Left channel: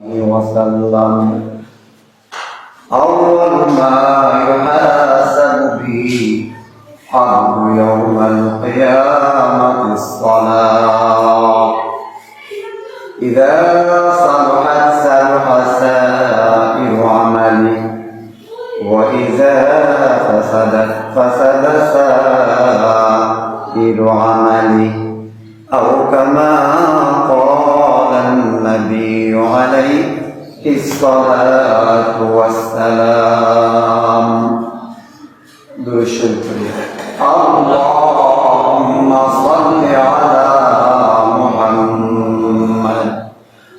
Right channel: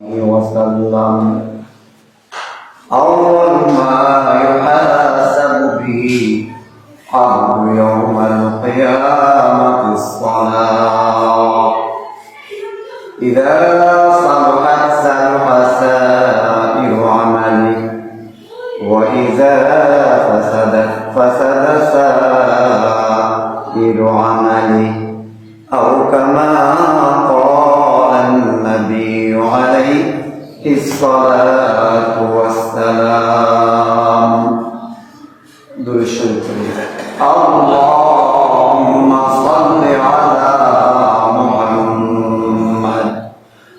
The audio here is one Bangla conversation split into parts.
وسلم أول ما يحاسب به عبد يوم القيامة الصلاة إذا صلحت صلح سائر عمله وإذا فسدت فسد سائر عمله أو كما قال النبي عليه الصلاة والسلام اللهم صل على محمد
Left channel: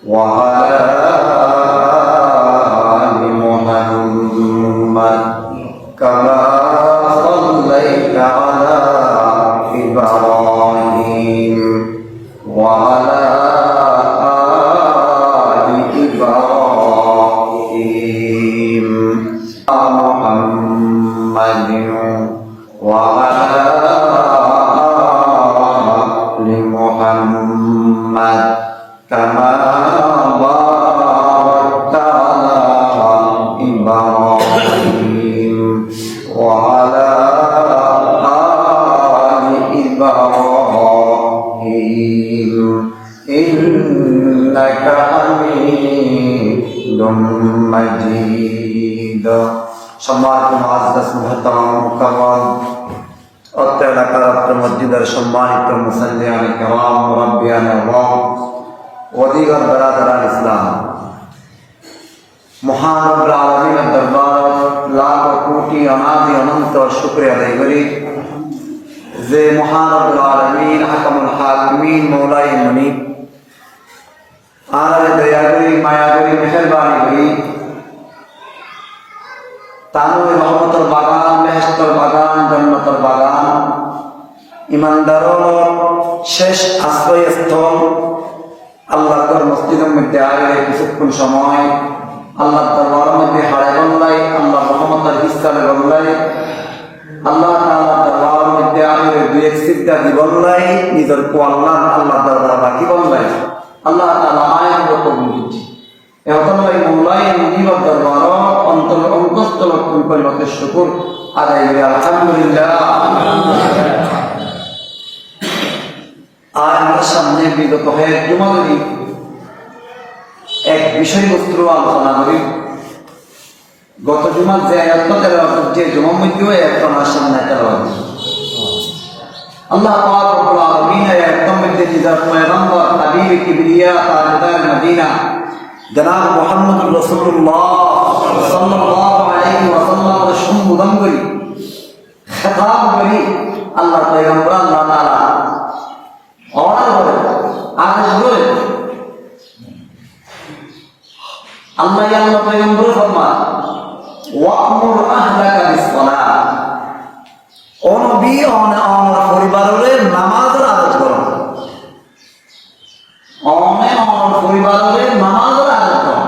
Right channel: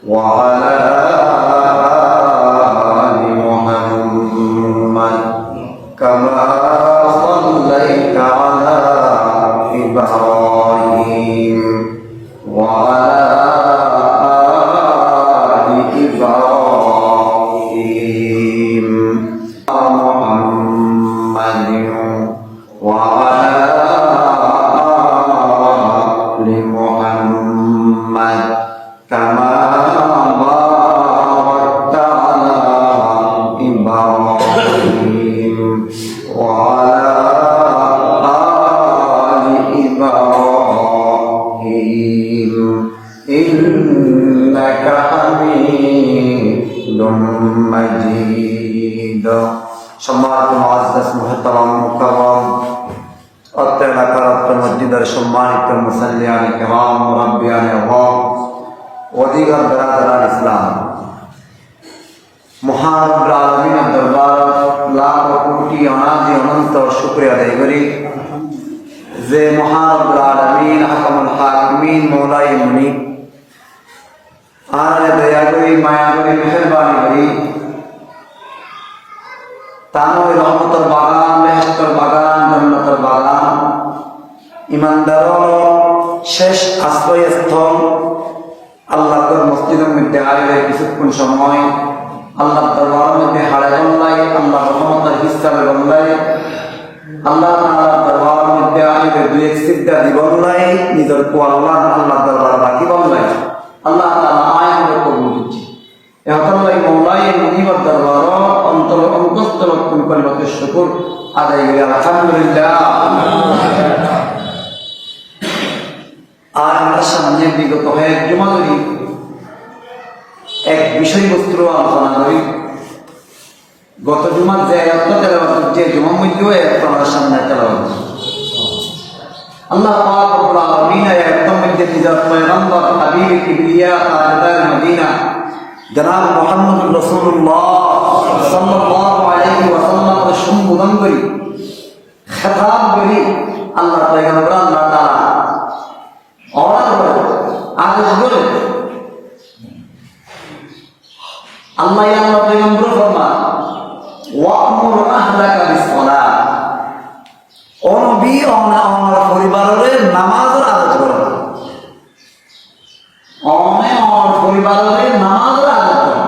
وعلى آل محمد كما صليت على إبراهيم وعلى آل إبراهيم محمد وعلى آل محمد كما باركت على إبراهيم وعلى آل إبراهيم إنك حميد مجيد সম্মানিত মুআজ্জাজ মুহতারাম মুকাররম অত্র এলাকার অত্র মসজিদের সম্মানিত মুসাল্লিয়ান কিরাম মুরাব্বিয়ান আওয়াম ওদিগার বারাদারান ইসলাম মহান রব্বুল আলামিনের দরবার লাখ কোটি অনাদি অনন্ত শুকরিয়া আদায় করি যে মহান রব্বুল আলামিন হাকামুল হাকিমিন মওলাই মুনিব আর দয়া করি মায়া করি মেহেরবানি করি তানুর রহমতের বাগান বেহেশতের বাগান জান্নাতের বাগান ইমানদারের শেষ আশ্রয়স্থল আল্লাহর মসজিদের মধ্যে আগে কিছুক্ষণ সময় আল্লাহর দরবারের মধ্যে হারাই গল্লাই আল্লাহর রহমতের হিসাবে গল্লাই আল্লাহ তাআলার দরবারের মধ্যে আগে দুই এক সিজদা দিবল্লাই নিজের কো আল্লাহর দরবারে রাখি গল্লাই আল্লাহ তাআলা আয়াত কবুল করছে এতলাই মওলাই মুনিবর দরবার অন্তর অঙ্গস্থ লক্ষণ করে লোকের শুকর আদায় করে আলহামদুলিল্লাহ। আর আমার সামনে বিগত হয়ে জমা করি এক বিষয়বস্তু আলোচনা করি। গত জুমার যে আয়াত তেলাওয়াত যে জুমার মধ্যে আয়াত আমার সামনে তেলাওয়াত আল্লাহ পাক রব্বুল আলামিন আয়াতের মধ্যে নিজের পয়গম্বর হাবিব কিবরিয়া তাজদার মদিনা জনাব মুহাম্মদ রাসূলুল্লাহ সাল্লাল্লাহু আলাইহি ওয়াসাল্লাম এর সম্বোধন করি খেতাব করি আল্লাহ পয়গম্বর আল্লাহ তাআলা অর্ডার করে আদেশ করে আল্লাহ আল্লাহ পয়গম্বর ফরমান ওয়া'মুর আহলাকা বিস-সালাহ ও নবী ওনার পরিবারের নামাজের আদেশ করো ওনার পরিবারের নামাজের আদেশ করো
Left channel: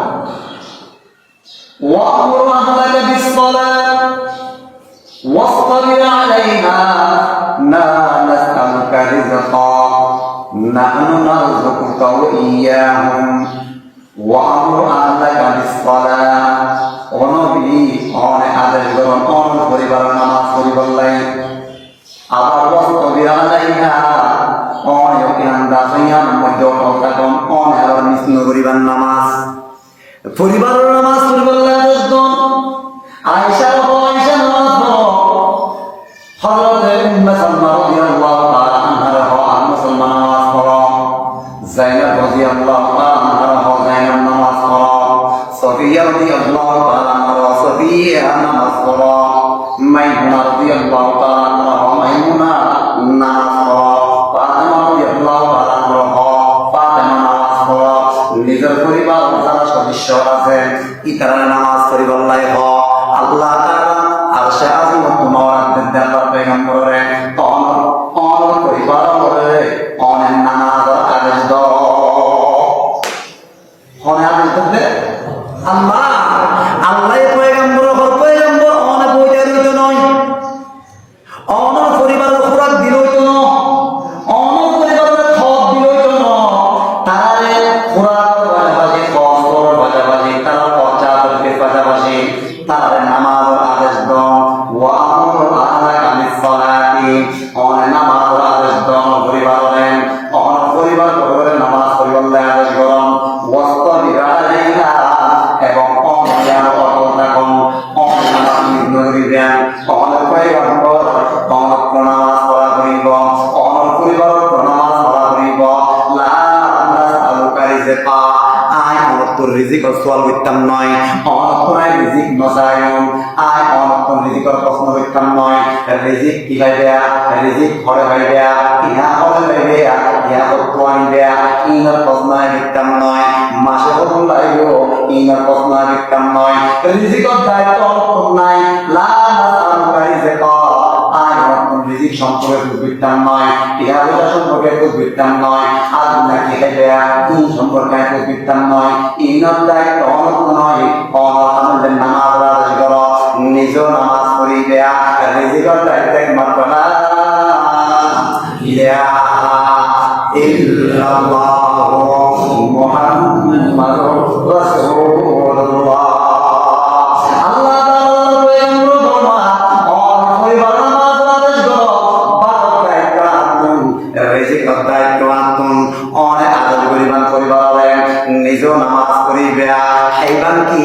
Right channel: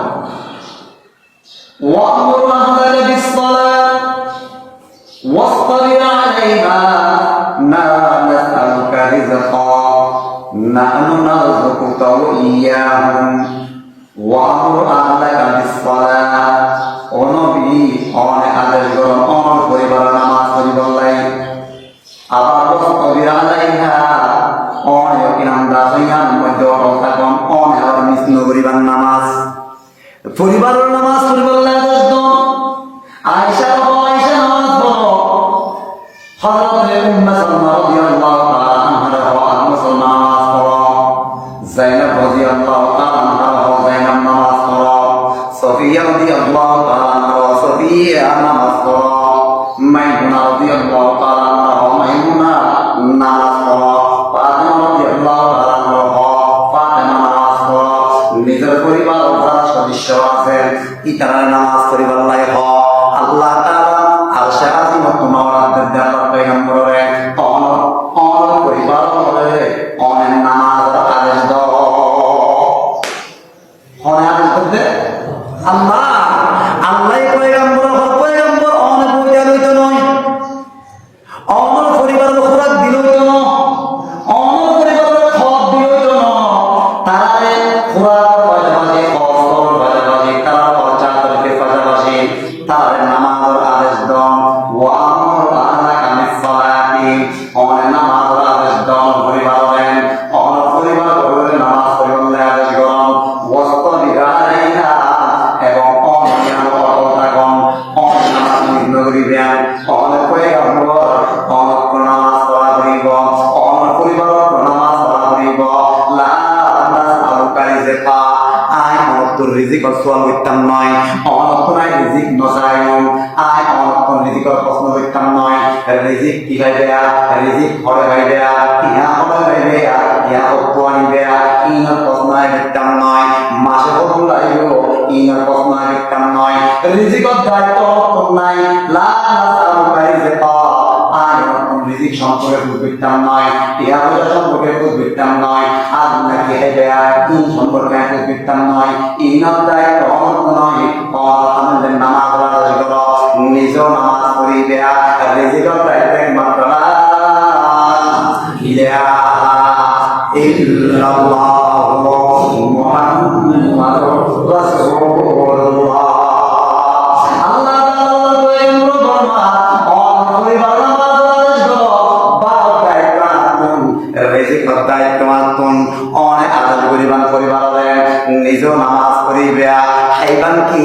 ওয়া'মুর আহলাকা বিস-সালাহ ওয়াসতাবির আলাইহা লা নাসআলুকা রিজকা নাহনু নারযুকুকা ওয়া ইয়্যাহুম ওয়া'মুর আহলাকা বিস-সালাহ ও নবী ওনার আদেশ করো ওনার পরিবারের নামাজ পড়িবলাই আবার ওয়াসতাবির আলাইহা পরিবারের নামাজ পরিবার আয়েশা নামাজ হযরত উম্মে সালমা রাদিয়াল্লাহু তাআলা আনহা মুসলমান নামাজ পড়ো যায়েনব রাদিয়াল্লাহু তাআলা আনহা যায়েনব নামাজ পড়ো সফিয়া রাদিয়াল্লাহু তাআলা আনহা সফিয়া নামাজ পড়ো মাইমুনা রাদিয়াল্লাহু তাআলা আনহা মাইমুনা নামাজ পড়ো নিজের পরিবার যারা সদস্য আছেন ইতারা নামাজ পড়িবার লাই হ আল্লাহ তাআলা আরশে আজিমত নওয়াজের দরবার পয়গম্বরে অনর পরিবার হয়ে অনেক নামাজ আদেশ দাও হনে আদেশ দে আল্লাহ আল্লাহ পয়গম্বর পয়গম্বর অনেক বইয়া লইত নয় অনর পরিবারের খোরাক দিল তো না অনর পরিবারের খাওয়া দিল তো না তারা খোরাক তোর রিজিক সোয়াল করতাম নয় অনত্তনায় রিজিক নসায়ন আয় অনত্তন রিজিকর প্রশ্ন করতাম নয় রিজিক কি হইবে রিজিক ঘরে হইবে ইহা ঘরে হইবে ইহা কত্তুয়ানিবে ইনার প্রশ্ন করতাম নয় মাসে কত লাগব ইনার প্রশ্ন করতাম নয় রিজিকর দায়িত্ব অনত্তন নাই লা নাসালুকা রিজকা আয় অনত্তন রিজিক সম্পর্কে বুঝতাম নয় ইহা বোঝা সম্পর্কে বুঝতাম নয় আজ নাকি হইবে কোন সম্পর্কে বুঝতাম নয় ইনার দায়িত্ব অনত্তন নয় আমাদের নামাজ আদায় করো নিজ নামাজ পড়িবে রিজিকর দায়িত্ব একমাত্র লা ইলাহা ইল্লাল্লাহু মুহাম্মাদুর রাসূলুল্লাহ আল্লাহ তাআলা বলেন বাবা অনকই বাবা নামাজ করো বাবা দায়িত্ব আনতুন রিজিকর দায়িত্ব আনতুন অনেক আদর করিবান পরিবার নিজ নামাজ পড়িবে খাইবান কি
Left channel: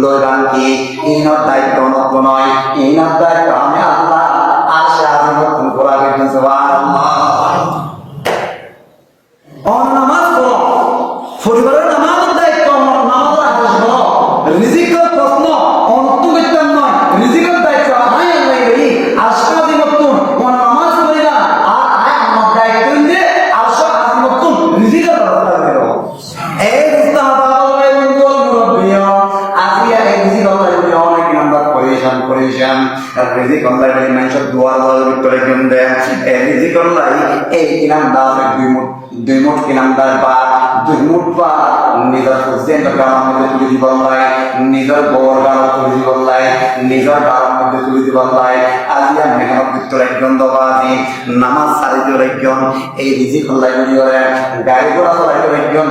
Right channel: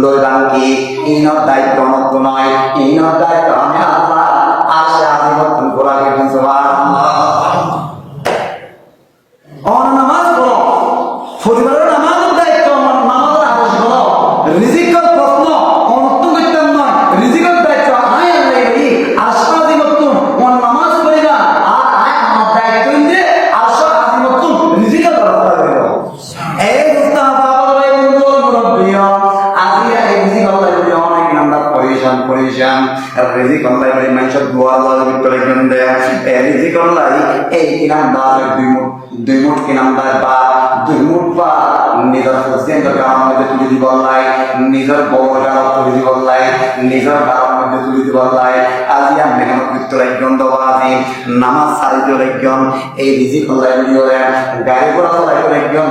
লইবান কি ইনর দায়িত্ব নত নয় ইনর দায়িত্ব আমি আল্লাহ আশা আমি নতুন করা কিন্তু সুবহানাল্লাহ অন নামাজ পড়ো পরিবারের নামাজের দায়িত্ব নামাজের আদেশ করো রিজিকের প্রশ্ন অনত্ত করতাম নয় রিজিকের দায়িত্ব আমি আল্লাহ বলি আশা আমি নতুন অন নামাজ পড়িবা আর আয় আমার দায়িত্ব দিয়ে আশা আমি নতুন রিজিকের ব্যবস্থা করো এই মুস্তাফা পরিশান রিজিক অনলাইন মানুষের দুয়ার দুয়ার ভিতরে গন্ধে রিজিক অনলাইন এই কিনাম দাস দুই মুঠ কিনাম দাস বা দুই মুঠ বা নিজের হোসেন গাঁর মধ্যে তুলে দিব লাই নিজের গোবর গাঁর তুলে দিব লাই নিজের গাঁর মধ্যে তুলে দিব লাই আজি আমি কেন ভিতরে গন্ধ বাজি নামাজ সারি দিয়ে রাখন এই রিজিক অনলাইন দিয়ে গাড়ি ঘোড়া চলাই রাখন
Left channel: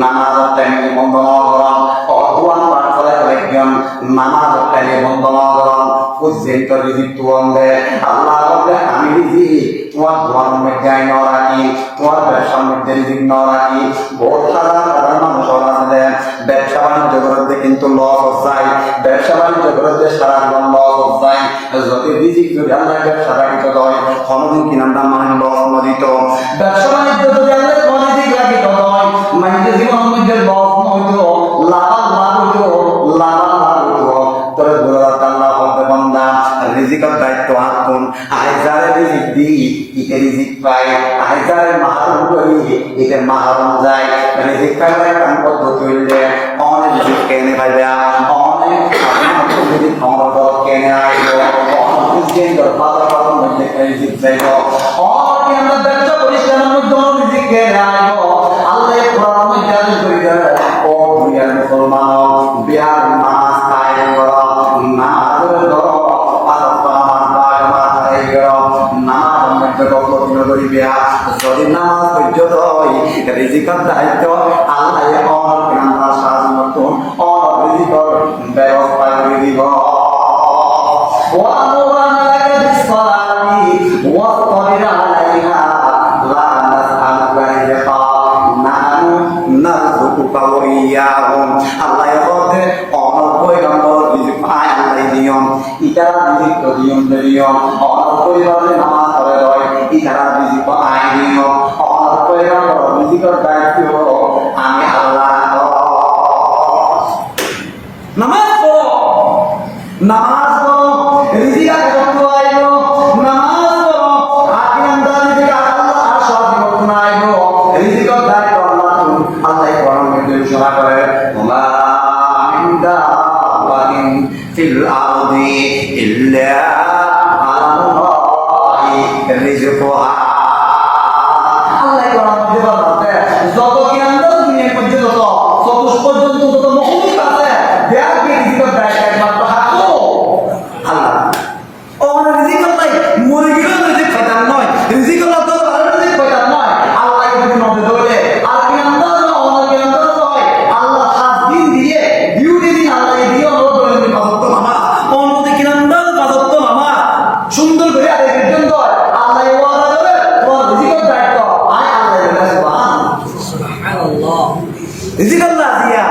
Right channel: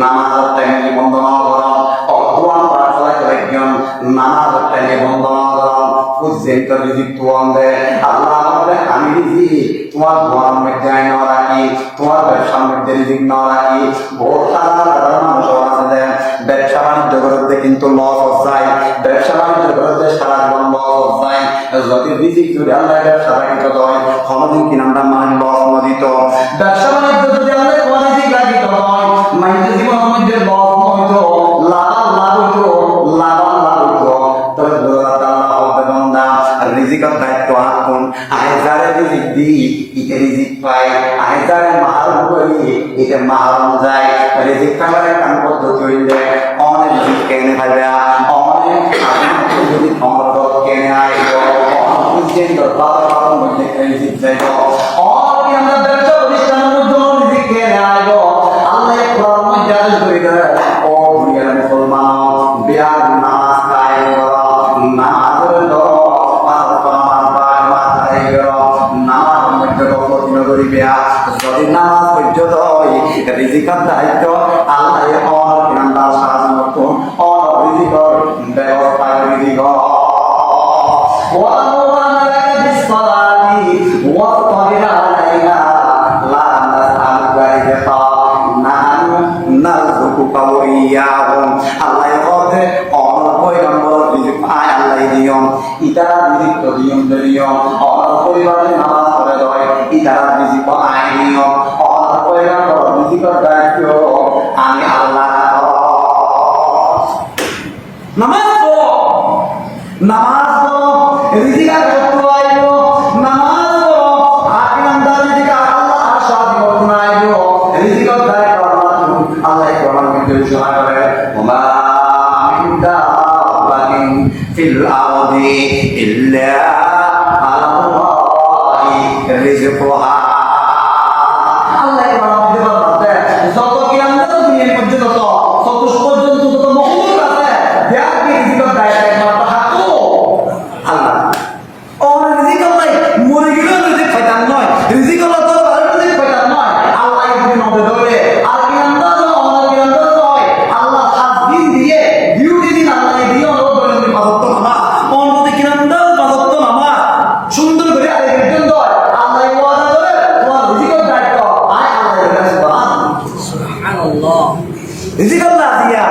নামাজের টাইমে বন্ধ না করা অকুয়ান পাড়া চলাই রাখন নামাজের টাইমে বন্ধ না করা পর্যন্ত রিজিক তোমার আল্লাহ আমি রিজিক তোমার ধোয়ার মধ্যে আইন রাখি তোমার ব্যবসার মধ্যে রিজিক না রাখি বহুত সাধারণ মানুষ আছে ব্যবসা বাণিজ্য করতে কিন্তু লস হচ্ছে ব্যবসা বাণিজ্য করতে সারা জীবন লস হচ্ছে যদি রিজিক যদি আল্লাহ ব্যবসা বাণিজ্য হয় কোনোদিন কি নামটা মানে লস নদিত ব্যবসা বাণিজ্য যদি আল্লাহ কোনোদিন রাখিত হয় মানুষের জীবন মধ্যে লস নইতো লাভ হইতো লাভ হইতো তবে আল্লাহ হবে বান্দা রিজিকের দায়িত্ব আপন আইজারে রিজিক দি ইতে রিজিক পাই আইজারে মাহারুম করি ইতে মাহারুম যায় রিজিক পাইবারে কাম পদ্ধতি হইলে অনেক রিজিক কেনে পাইবা অনেক রিজিক আমার কেনে আইব অনেক কেন্দ্র বাজার মধ্যে রিজিক যাইব অনেক আমরা ব্যবসা প্রতিষ্ঠানের মধ্যে রিজিক কেনে আইব আল্লাহ কোরআন মধ্যে আদেশ করে দেয় ও দুনিয়ার মুসলমান বিয়ার নামাজ কায়েম করো নামাজের করো যদি নামাজ পর্যন্ত রিজিকের দায়িত্ব আল্লাহ আমার কিনার সাহায্য করতুন অন রিজিকের ব্যবস্থা করে দিব আল্লাহ নিয়ম ইতারা নিযুক্ত নিয়ম নিয়ম অনার পরিবারে নামাজ পড়ে রয় ইতারা নিযুক্ত আইন নিয়ম অনার পরিবার নিযুক্ত দায়িত্ব আমি আল্লাহ নামাজ পড়ো নামাজ পড়ো রিজিকার করতে আইলো নামাজ পড়ো আকিরান্দার রিজিক আল্লাহ আর সব করতে আইলো রিজিকার দায়িত্ব আল্লাহ কোরআনের মধ্যে ঘোষণা করে ওমা ইনদা في الأرض إلا على الله رزقها الله يقول যত কি আমরা দুনিয়ার পর্যন্ত কত পর্যন্ত যত মখলুক আছে দেয়ার কি রিজিকের দায়িত্ব একমাত্র হাকো আল্লাহ ওর রিজিক নাই মরে গেলে রিজিক পাইতাম নয় রিজিক আল্লাহ তো রিজিক পাইতাম নয় আল্লাহ ইবনে নবে ধরে আর কি আমরা ওনার কি আমরা নয় আল্লাহ 7 দিন দিয়ে ডিউটি দিন আল্লাহ দিয়ে সুন্দর করে আরে পর্যন্ত আল্লাহ ওয়াদা করে তোমার রিজিকের দায়িত্ব আয় আল্লাহ বলে সুবহানাল্লাহ রিজিক আল্লাহ দিয়া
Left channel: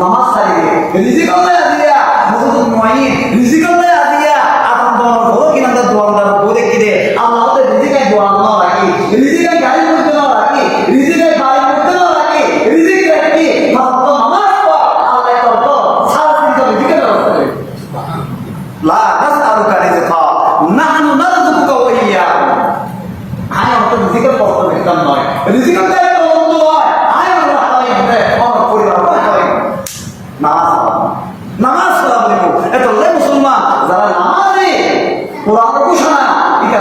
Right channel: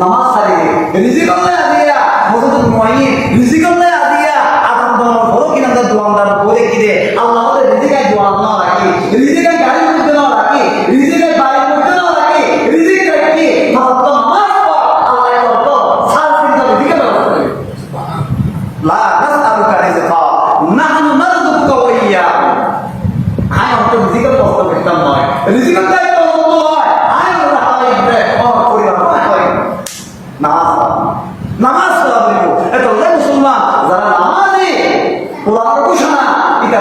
নামাজ সারি রিজিক আল্লাহ দিয়া মসজিদ নয় রিজিক আল্লাহ দিয়া আদান দোয়া করো কিনা আমরা দোয়াদার বলে কিরে আল্লাহ আমাদের রিজিকের দোয়া না রাখি রিজিকের গাড়ি করতে না রাখি রিজিকের বাড়ি করতে না রাখি রিজিক রাখি মাত্র নামাজ পড় নামাজ পড়া বলবো এত মুসলমান যারা নামাজে কোরআন ঘোষণা এটা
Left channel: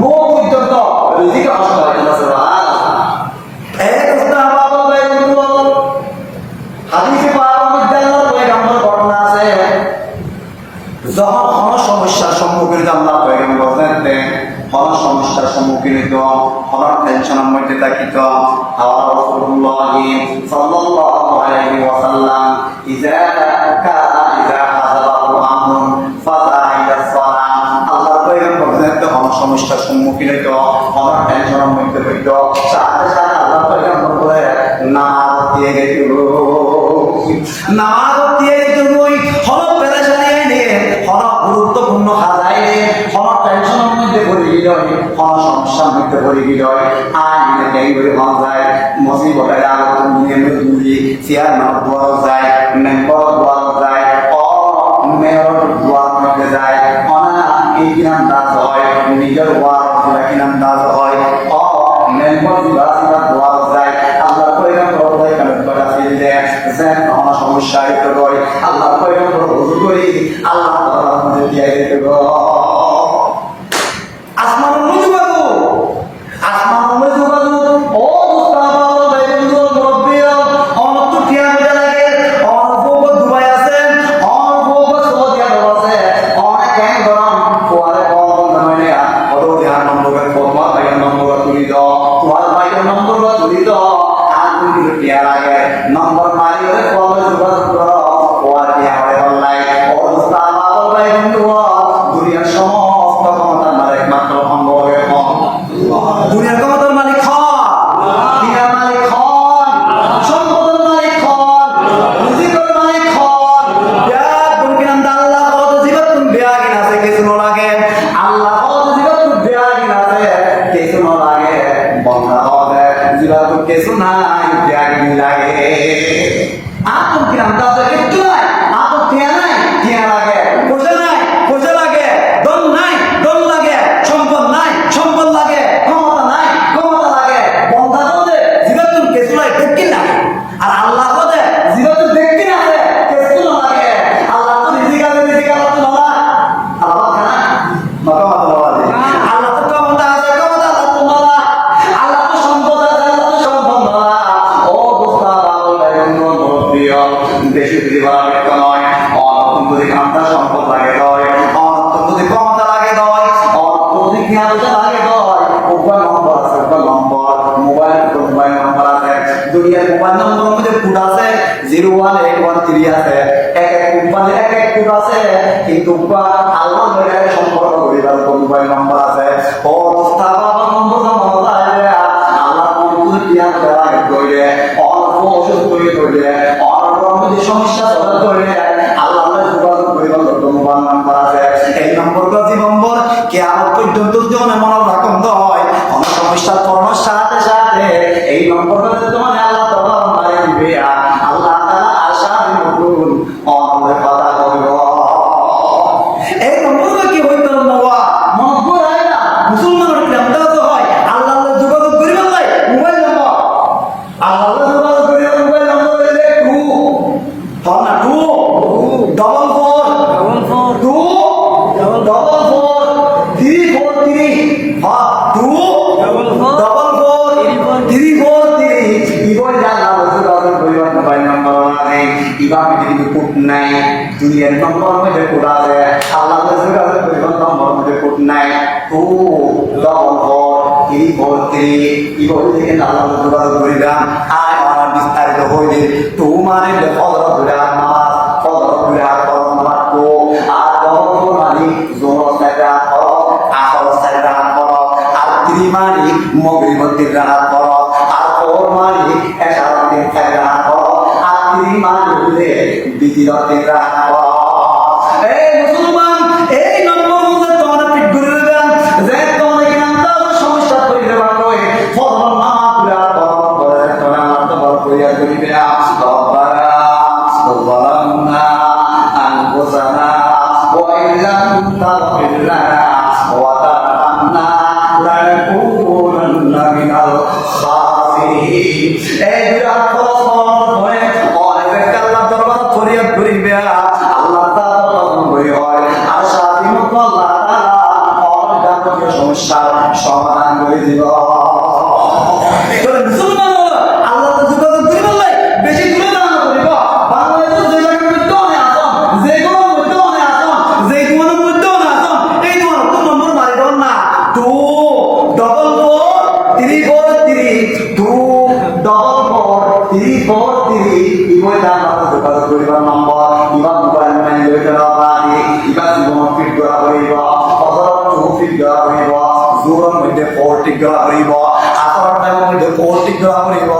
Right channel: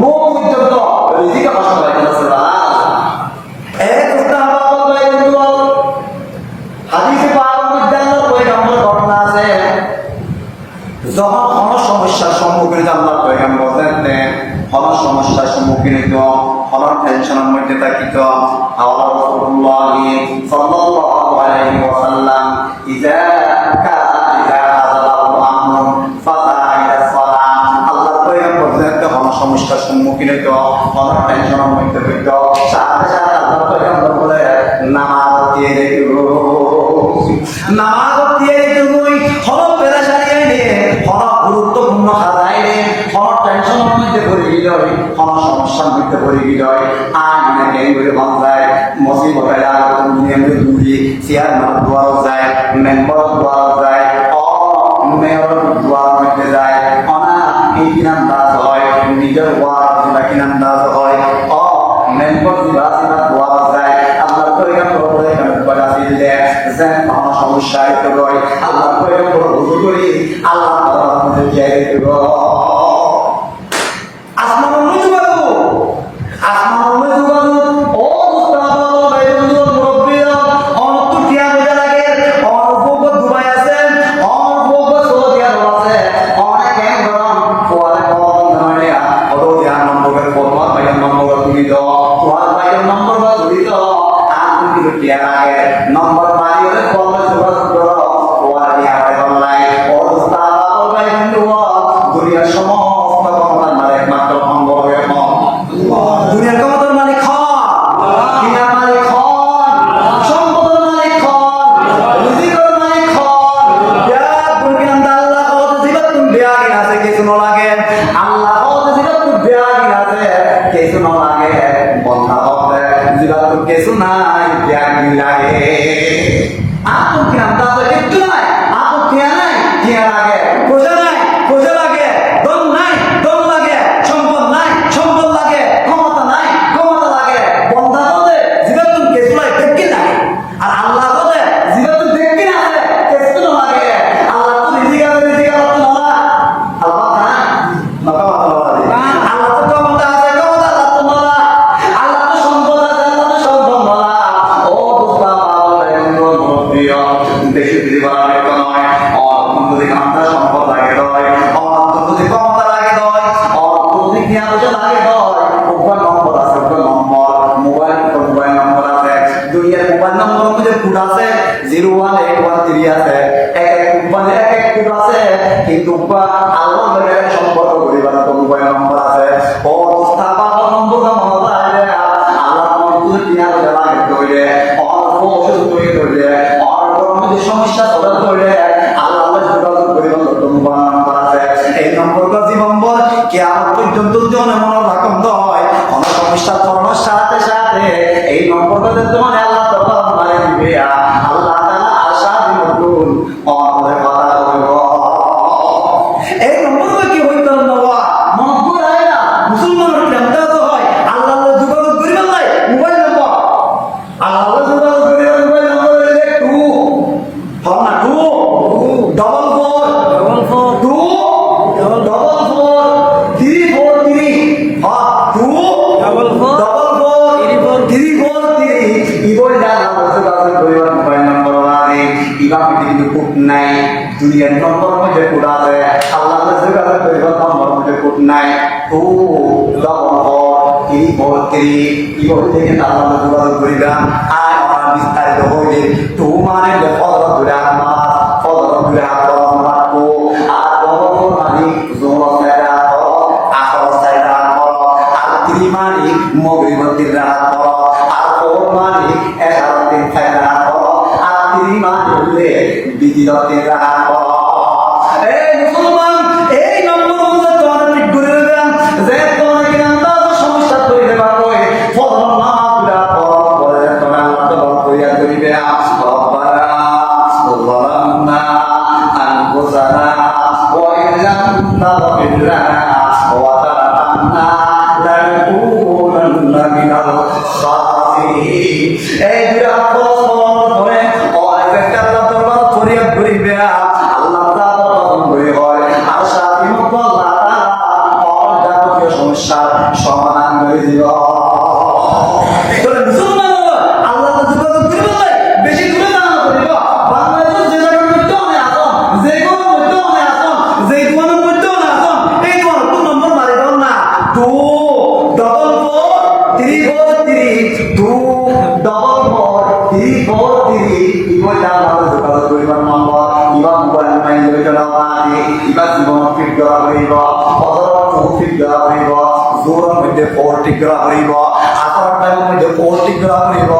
মুখ পর্যন্ত রুজিকে নষ্ট করে দিয়েছে। হাদিসে পাওয়া বিদ্যালয় পয়গম্বর ঘটনা আছে, যখন কোনো সমস্যার সম্মুখীন আল্লাহ পয়গম্বর বলতেন, কোনো সমস্যার সম্মুখীন হইত, কোনো টেনশনের মধ্যে থাকিত, আল্লাহ রাসূলুল্লাহ সাল্লাল্লাহু আলাইহি ওয়াসাল্লাম ইযা হাযারাহু আমরুন ফাযাইলা সালাম, আল্লাহ পয়গম্বর বলতেন কোনো সমস্যার সম্মুখীন হইত, কোনো টেনশনের মধ্যে হইত, সাথে সাথে আল্লাহ পয়গম্বর বলে নামাজ দিয়ে দিও, নামাজ দিয়ে দিবই, হলো পেরেশানি আইলে, হলো গুরুত্বপূর্ণ কাজ আইলে, হলো টেনশনের মধ্যে পড়ে গেল, হলো সমস্যার মধ্যে পড়ে গেল, আইনে দেরি করে মন যায়, মুসিবত আইলে আলোচনা নিয়ে আমরা ঘুরি, চেয়ারম্যানের দোয়ারও যায়, মেম্বারের দোয়ারও যায়, মেয়রের দোয়ার মধ্যে যায়, এই কিনান্দাজ হয়, নিজের দোয়ার কিনান্দাজ হয়, মেম্বার দোয়ার যায়, আল্লাহ পয়গম্বর বলে এখানে বাড়াতে দিলে যে কোনো সমস্যা হইতে পারে, আল্লাহ পয়গম্বর হুজুর করি আল্লাহ তাআলার মধ্যে যাই দেব। আসমানের মধ্যে বাবু, আসমানের মধ্যে বাবু, ও মুস্তাফা বাইবন্ধু মুরব্বিয়া, অনন্ত কিয়া মজা লাগে, অনন্ত দুবাই আছে, অনন্ত সৌদি আরব আছে, অনেক কেন গরম কোয়ালে কোন মানে অত ধ্যান নম্বরের ফরমান বাইন নম্বর তুলি দাও, কোয়াল বাইন নম্বর তুলি দাও, আর তুমি কিয়া লাগে নম্বর মারি হলে কোন যোগাযোগ করো, কোয়াল দিয়া হয় অনলাইন, ও মুস্তাফা বাইবন্ধু দুনিয়ার সমস্ত ক্ষমতার মালিক মাত্র সম্ভব হবে দুনিয়ার ক্ষমতার মালিক হন, দুনিয়ার মালিক হন, সম্পদের মালিক হন, রিজিকের মালিক হন, যা গুণকিনান আল্লাহ কত জীবন তুমি বেয়াগিন আছে কিছু না লাগে, আল্লাহ কত জীবন তুমি বেয়াগিন আছে কিছু না লাগে, বন্ধা হবে জীবন তুমি কিছু নাই বেয়াগিন লাগে, আর তুমি কিনান আছে কিছু নাই, আর তো কিয়া নাই কিয়া লাগে, পয়সা নাই পয়সা লাগে, দম নাই দম লাগে, সম্পদ নাই সম্পদ লাগে, ক্ষমতা নাই ক্ষমতা লাগে, বন্ধা কদে জীবন তুমি কিছু নাই দেখি লাগে, আর আল্লাহ কদে জীবন তুমি দেখি আছে কিছু লাগে, আল্লাহ তো রিজিক তো নলা, আল্লাহ না মাথা মাথা লাগে, আল্লাহ তো ক্ষমতা আছে ক্ষমতা আল্লাহ তো নলা, আল্লাহ তো সম্পদ আছে আল্লাহ তো সম্পদ নলা, ও দোস্তা আল্লাহ মুরব্বিয়া দেশে জীবনের নয়, অন্য যদি আমরা সম্পদ লাগে দয়, অন্য যদি ক্ষমতা লাগে দয়, অন্য যদি জ্ঞান লাগে দয়, উপর নম্বর আছে উপর নম্বর, মোবাইল নম্বর আছে, দুনিয়ার মোবাইল নম্বর মধ্যে কোড আছে 01813 আছে, এক এক কোম্পানির এক এক কোড আছে, কিন্তু আল্লাহ মেরে সম্পর্ক করিবার মোবাইল নম্বর আছে, ও দোস্তা বাবা নম্বর আল্লাহ তুমি জ্ঞান দেওয়া কইরে, অল্প ওষুধ করে কইরে, সমস্যা সমাধান করে আল্লাহ যোগাযোগ করিবার মোবাইল নম্বর আছে, এই নম্বরটা জীবনভর কিয়ামত পর্যন্ত জীবনে মনে রাখুন হয়, অনেক সমস্যার করার সাথে সাথে এই নম্বরটা তোমার আল্লাহ তাআলা মারি দিবে, আল্লাহ তাআলা আশা দিমুন আমাদের কথা বলবো, এই নম্বরটা কি হইতো না মন ঘুরায় না, মুসলমানের কেমন হয় আল্লাহ যোগাযোগ করিবার লাই মোবাইল নম্বর, আল্লাহ যোগাযোগ করিবার মোবাইল নম্বর হইলে 2 double four 2 double four 343 2 double four 343 ইবই জানা যোগাযোগ করিবার মোবাইল নম্বর আছে, ইবাকে কিন্তু কোড নাই, দুনিয়ার নম্বর মধ্যে কোড আছে, আল্লাহ যোগাযোগ করিবার নম্বর মধ্যে কোড নাই, 2 double four 343 ইবই থেকে আল্লাহ যোগাযোগ করিবা, আয় আর বিস্তারিত হইলে তোমার যে ফজর দুরা নামাজ ফজর দুরা করন রাখো, আর বড় মানে জোর সাইরা করো, আসর সাইরা করো, আর ত্রিমানি মগরিবতের রাত করো, আর ওর মানে এশারাতের সাইরা করো, আর ত্রিমানি হলে বিদিরতের রাত করো। এই মুসলমান এই নম্বর মধ্যে তোমরা ঠিক করে দেবেন যে তোমরা কি নামটা সমস্যা কইতে পারো, ফজর নামাজ দুরা করো করে তোমরা আল্লাহ তাআলা কইয়া কইবে রব্বানা ظلمنا أنفسنا وإن لم تغفر لنا وترحمنا لنكونن من الخاسرين। এই বিরাট প্রশ্ন করে আল্লাহ দরবারে মাসিয়ত করিবে আল্লাহ তাআলা পছন্দই হয় আর সাথে মত আল্লাহ তাআলা অর্ধাঙ্গীয় সমস্যার সমাধান করে দিব মুসলমান আল্লাহ তো যোগাযোগ করিব বেশি দূরে না করিব বাংলাদেশের যে জায়গার মধ্যে অনেক আসন যে কোনো মধ্যে অনেক আসন যে কোনো মধ্যে অনেক আসন এই তোমার তো নম্বর মারি দেব না 2 4 3 4 3 2 4 3 4 3 ইবটা আমার যোগাযোগ করিবার নম্বর ইবা মোবাইল মাইল লইতে না পারি ইবা জীবন ফিট করা হইব ফজর ফিট করা হইব জোরের মধ্যে 40 করা হইব আসর টাইমের মধ্যে 40 করা হইব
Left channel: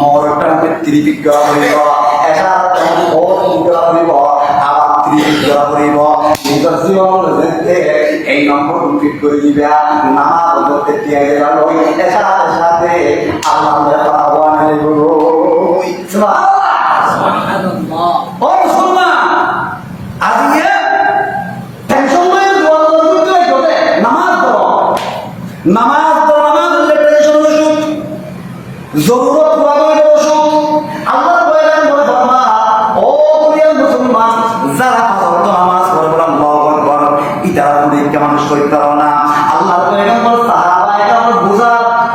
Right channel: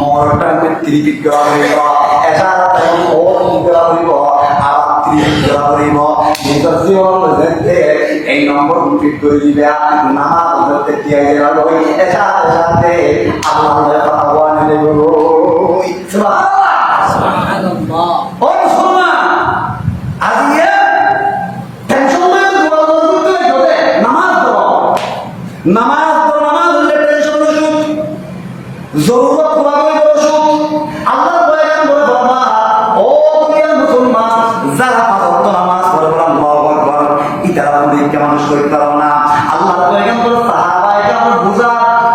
মোর টাইমে 30 করা হইব এসার টাইম 40 করা হইব আবার 30 করা হইব নিজের জীবন যেতে এই নম্বর ফিট করে দিবে নামাজ পড়তে দিয়ে গেল এসার সাথে আল্লাহর কথা বলে বলো সুবহানাল্লাহ ও মুসলমান আজকে টেনশন লয়ে দোয়া করতে হবে নামাজ পড়ো নামাজ হলে টেনশন ওষুধ জরুরত পুরা করে ওষুধ আল্লাহর পয়গাম বলে ফরমা ও তুমি মুসলমান যারা পাঁচ ওয়াক্ত নামাজ পড়ে বলে আল্লাহু আকবার ইতারা পরীক্ষা মানুষ করতে পারো না আল্লাহর পয়গাম বলে সাহাবায়ে কেরাম বুঝা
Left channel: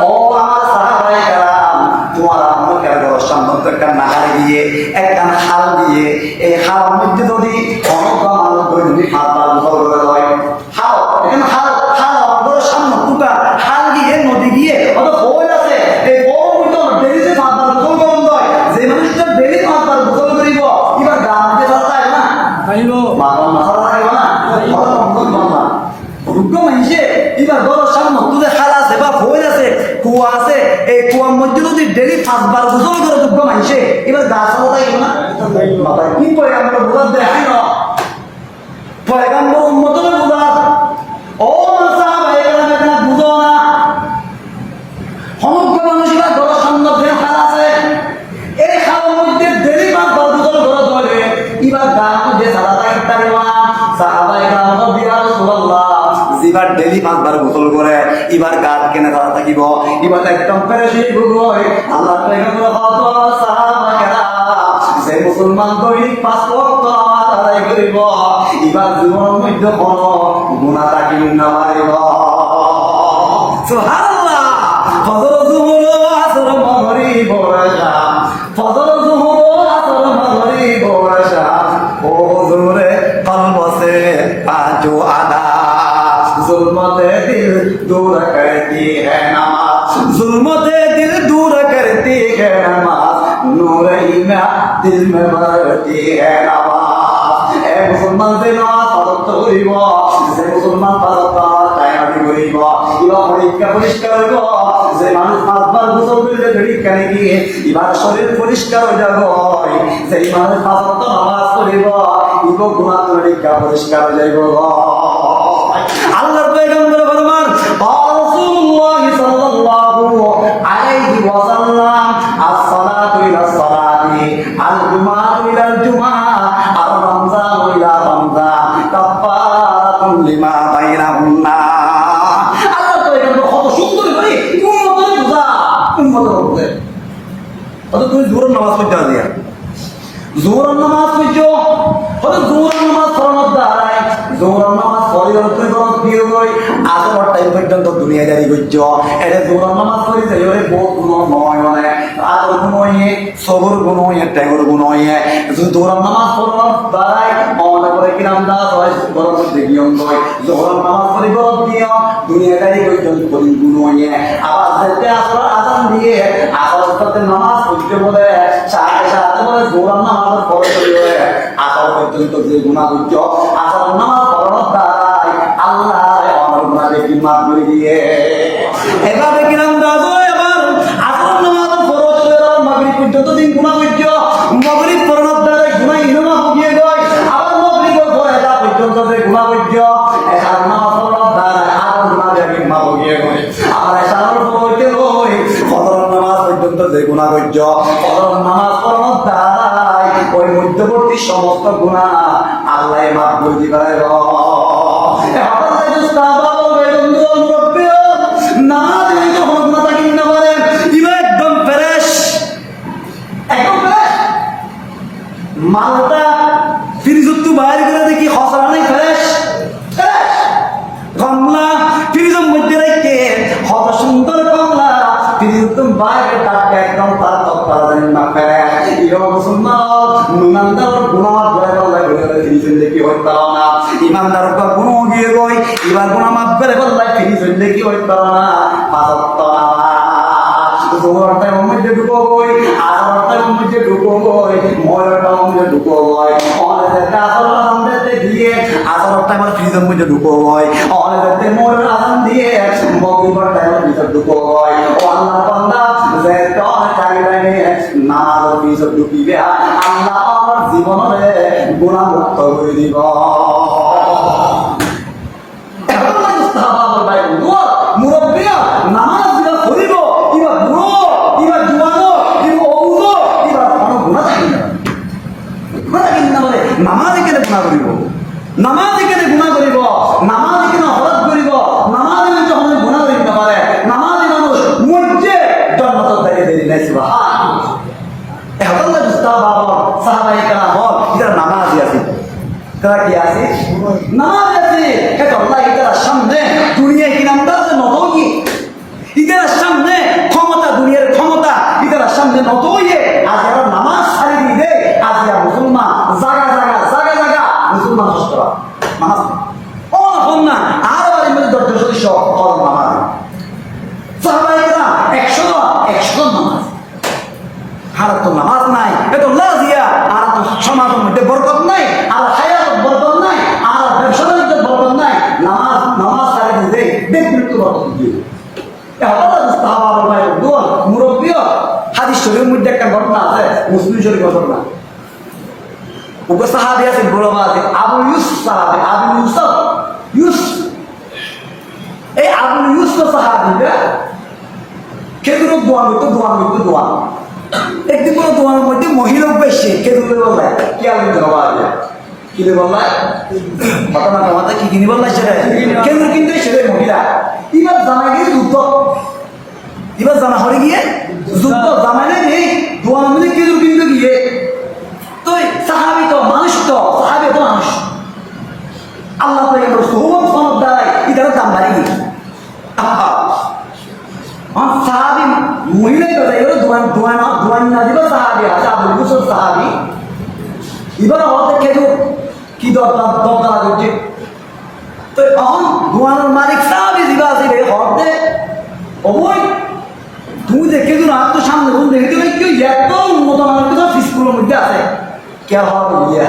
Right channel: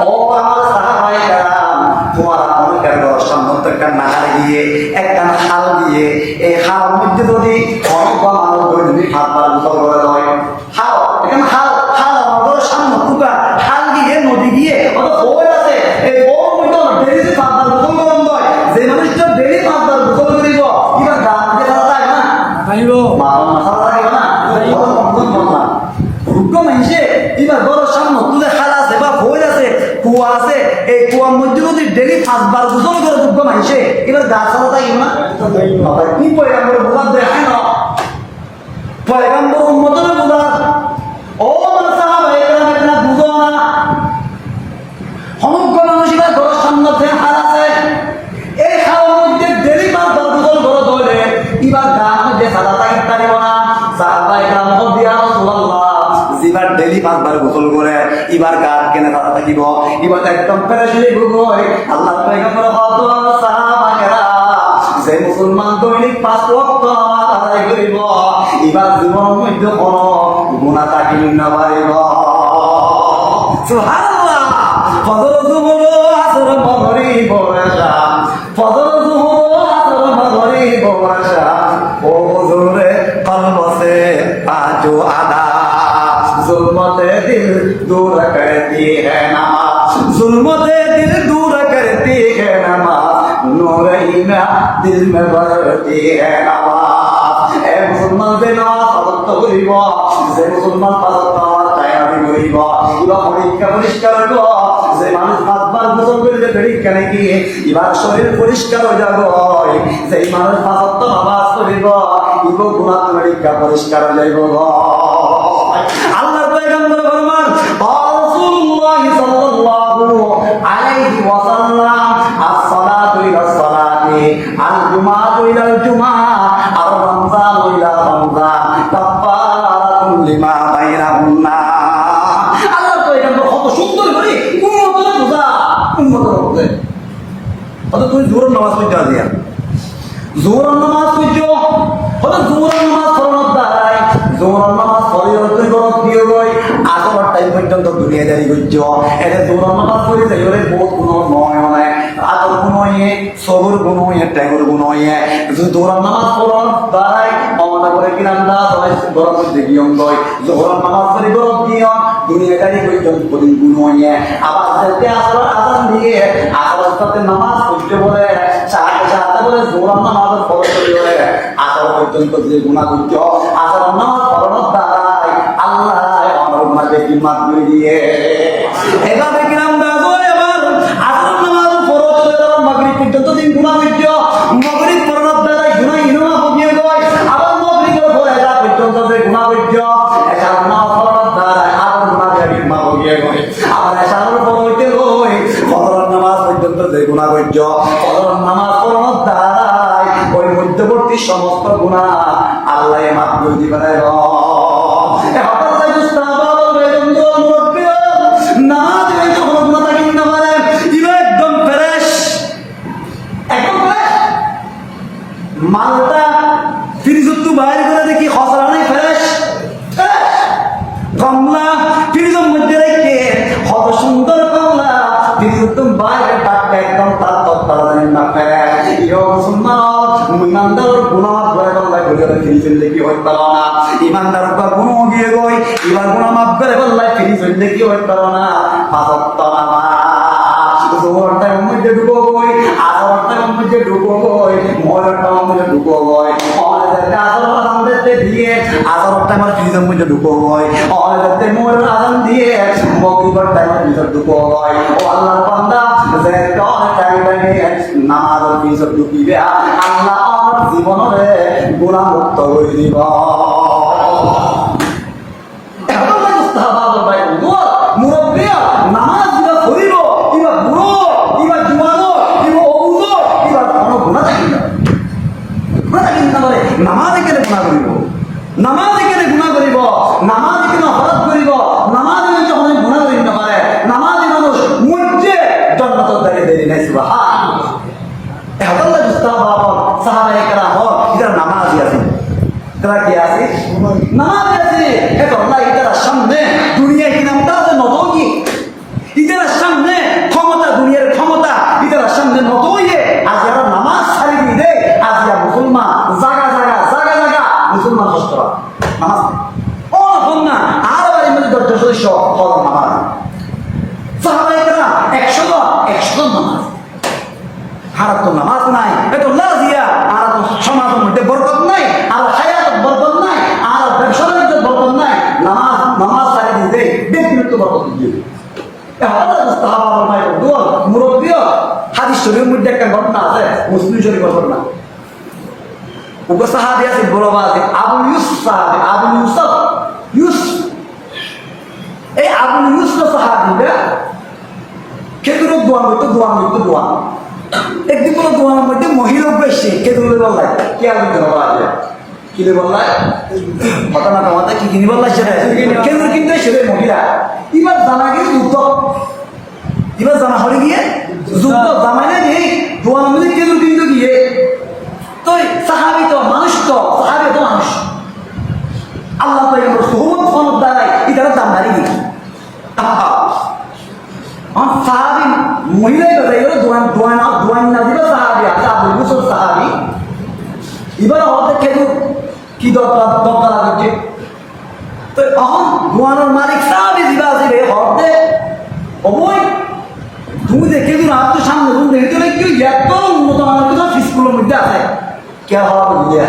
ও আমার সাহাবায়ে কেরাম তোমারা মনে করে সামনে একটা নাগারে গিয়ে একটা খাল দিয়ে এই খালের মধ্যে যদি অনেক মানুষ যদি হাতবার গোসল করে হয় খাল এখানে খাল খাল আমাদের সামনে কুকা খাল গিয়ে নদী গিয়ে অত বই আছে এই বই মধ্যে ডেলি হাতবার গোসল করেন হয় যে মানুষটা ডেলি হাতবার গোসল করিব এবার দাম দিয়ে তাই না খালিব মাথা মাথা থাকে না রুগ্ন মাইছে এবার বড় সামনে তুলে খাল আছে বা বই আছে কুয়া আছে এই কুয়ার মধ্যে যদি ডেলি 5 বার গোসল করে রুগ্ন মাইছে এবার গাছ ছাড়া থাকে না মাথা কি পয়গাম্বর বুঝা দেখাই না পয়গাম্বর উম্মতের বুঝা ও সাহাবায়ে কেরাম এটা বুঝো না সমগ্র মানুষের ঘরের সামনে যে খাল আছে এই খালের মধ্যে ডেলি 5 বার গোসল করে ধরে এবার গাছ মধ্যে সাদা থাকে তারিব না সাহাবায়ে কেরাম দিয়া রাসূলুল্লাহ এবার ডেলি 5 বার গোসল করে এবার গাছ কেনে সাদা থাকিব এবার একদম ফ্রেশ হয়ে ঘুরোয় আল্লাহ পয়গাম্বর কত সাহাবায়ে কেরাম যে মুসলমান দৈনিক 5 ওয়াক্ত আদায় করিব এবার জীবনের মধ্যে কোনো গুনাহ থাকিব না পারিব সুবহানাল্লাহ ফজর যুহর আসর মাগরিব এশা ফজর যুহর আসর মাগরিব এশা ও হুজুরে কলব সে পাঁচো আদা जुल्मते दिल दूर करती है नमाज जुल्मते दिल दूर करती है नमाज नूर ईमान दिल में भरती है नमाज ए मुसलमान से नमाज पढ़ते करिब যে মুসলমান পাঁচটা তায়ারি করিব ইবা পরীক্ষা পরিষ্কার হইব যে মানুষ 5 বার গোসল করলে পরীক্ষা নাকি এবার শরীর পরিষ্কার হয়ে যাব যে মানুষ পাঁচটা নামাজ পড়িব ইগো গুনাহ পরীক্ষা পরিষ্কার হয়ে যাইব আল্লাহর পয়গম্বর ফরমান রাসূলুল্লাহ সাল্লাল্লাহু আলাইহি ওয়াসাল্লাম as-salatu ila as-salati al-jumu'atu ila al-jumu'ah ar-ramzanu ila ramzan kafaratun lima bainahunna আল্লাহর পয়গম্বর কত সুন্দর করে উম্মতের বুঝা অত তুমি জোহর নামাজ পড়তে দিয়া জোহর নামাজ পড়ছো হলো জোহর নামাজ ফরজ দাঁড়ায় জোহর নামাজ ফরিয়তে ফরজ দিয়ে গই আজর টাইম পর্যন্ত দুনিয়াদারি করছো এটা জোহর নামাজ পড়ি তাই ওরে বহুত গুণ নয় মানে আজর গুণ হয়ে সবর গুণ হয়ে টাইমর গুণ হয়ে জোহর নামাজ ফরজ দাঁড়ায় মাওনা করে কিরাম দাস হয় গরম মধ্যে নিয়ম হয় জোহর নামাজ পড়ি ফরজ দিয়ে দুনিয়াদারি পর্যন্ত পড়ি গুণ হয়ে আবার যেতে আসর আজান দিয়ে আসর সাথে নামাজ পড়তে বলে সাথে সাথে বলে জোহর নামাজ ফরজ করে আসর পর্যন্ত যে গুনাহ করছো আসর নামাজ ফরজ দাঁড়ায় আল্লাহ আমার গুনাহ দেখি মাফ করে দিয়ে এভাবে কিরাম দাস হয় আবার আসর নামাজ ফরজ করে মাগরিব পর্যন্ত দিন গুনাহ করছো মাগরিব ফরজ দাঁড়ায় গুনাহ ইনমা হয়ে যায় আবার মাগরিবের পরে এটা পর্যন্ত যে গুনাহ করছো এটা নামাজ ফরজ দাঁড়ায় আবার গুনাহ দেখি মাফ হয়ে যায় আবার এসার পড়তে হয় ফজর নামাজ পর্যন্ত যে গুনাহ করছো ফজর নামাজ ফরজ দাঁড়ায় ওই মধ্যবর্তী সমস্ত গুনাহ আল্লাহ মাফ করে দিবেন মালটা ফ্রিজত বাইর করে দেখি খসরা নেই ফ্রেশ কমলা ফ্রিজের মধ্যে রেখে কত সুন্দর কমলা ফ্রিজত বাইরে টাটকা একদম তার তত্ত্বা না ফ্রেশ ইমানদার গুনাহ করে বললাই ঘরে ফ্রিজের দেখি হইতো না ইমানদার গুনাহ গিয়ে গই এবার গুনাহ মাফ করে বললাই ফ্রিজের দেখি হইতো না পাঁচত্ব জোহরটা মধ্যে ঢুকো বই আসরটা মধ্যে ঢুকো বই ময়ূরটা মধ্যে ঢুকো বই অনেকটা আসর আমাদের দিয়ে আসরটা আমার ফ্রিজের মধ্যে ঢুকো বই অনেকটা ময়ূর আজান দিয়ে মগরিবটা ভিতর ঢুকো বই ও আল্লাহর বান্দা যে কোন টাইমে নামাজ ফ্রিজে ঢুকিবে আল্লাহ আমার জীবনে গুনাহ মুক্ত করে দিব এখন না মুস্তাহাব ভাই মুরব্বী নামাজ দিয়া করিব ইবা বুড়ো ইবা জুয়ানো ইবা অবুড়ো ইবা কোনো গুণা থাকি না গুণা থাকি না বলে নামাজ এখানে গুণা করিব নামাজ এখানে গুণা করিব নামাজ এখানে হরত করিব নামাজ যখন গুণা করিব না পারে নামাজ মানুষ মধ্যে জন্মত থেকে দেরি নাই সুবহান এখন না মুস্তাহাব সাহাবায়ে কেরাম এটা নামাজই আছে তারা কি আছে নামাজ আছে এটা আল্লাহ এটার সামনে দুনিয়া কি নামটা আছে নবী ইতার সামনে ক্ষমতা দুনিয়ার ক্ষমতা ইতার সামনে নতইয়ে আজ যারা নামাজ ছাড়ি দিয়ে আজ যারা মুসলমান জায়গা জায়গা জায়গা জায়গা মুসলমান কষ্ট নামাজ ও না আর বাড়ির মধ্যে 10 সদস্য ফলন নামাজ সাহাবায়ে কেরাম 100 নামাজ হারাত তো নামাজ নাই এটা লাজিয়া আর তো সমাজের মধ্যে বরকত নাই আর হায়াত বরকত নাই আর ব্যবসার মধ্যে বরকত নাই নামাজ ছাড়ি দিয়ে ব্যক্তিগত বরকত দিয়ে হাদিস শরীফের মধ্যে একটা ঘটনা আছে মুসলিম শরীফের ঘটনা ওগো সাহাবী আছে বড় বাদে আবু ইউসুফ সাহাবী আবু ইউসুফ এই আবু ইউসুফ সাহাবীটা খেজুরের দোয়ান একদিন কোনো দোয়ানের মধ্যে মহিলা বেশি খেজুরের বললাই কি আলু ধরা কি বললাই ঘটনা টমাতা কি কিনি বললাই সেটা খেজুর কিনতে সেটা মহিলা এবার জানা গিয়ে যুদ্ধ এবার জানা হলে গিয়ে যুদ্ধ জামাইলে নেই দোয়ান মিলে খেজুর কিনতে গিয়ে তো সাহাবি তো মানুষ তো সাহাবি তো মানুষ আল্লাহ তো এগুলো সহজ সনদ দ্বারাই এটার দাম বাড়িয়ে সাহাবি মহিলাই কথা এগুলো দোয়ান না দিবে সাহাবি আছে আবু ইউসুফ সাহাবি এবার হতে খেজুর কি দরকার হচ্ছে তো এখন দোয়ানের মালিক সাহাবি জিবা আছে রে হতে অবৈ তুমি দেখে দিন আর তো সামনে তুমি দেখে দিলে কেউ এত উন্নত মানের কিন্তু স্কুলের মধ্যে আছে কে হওয়ার ইয়ে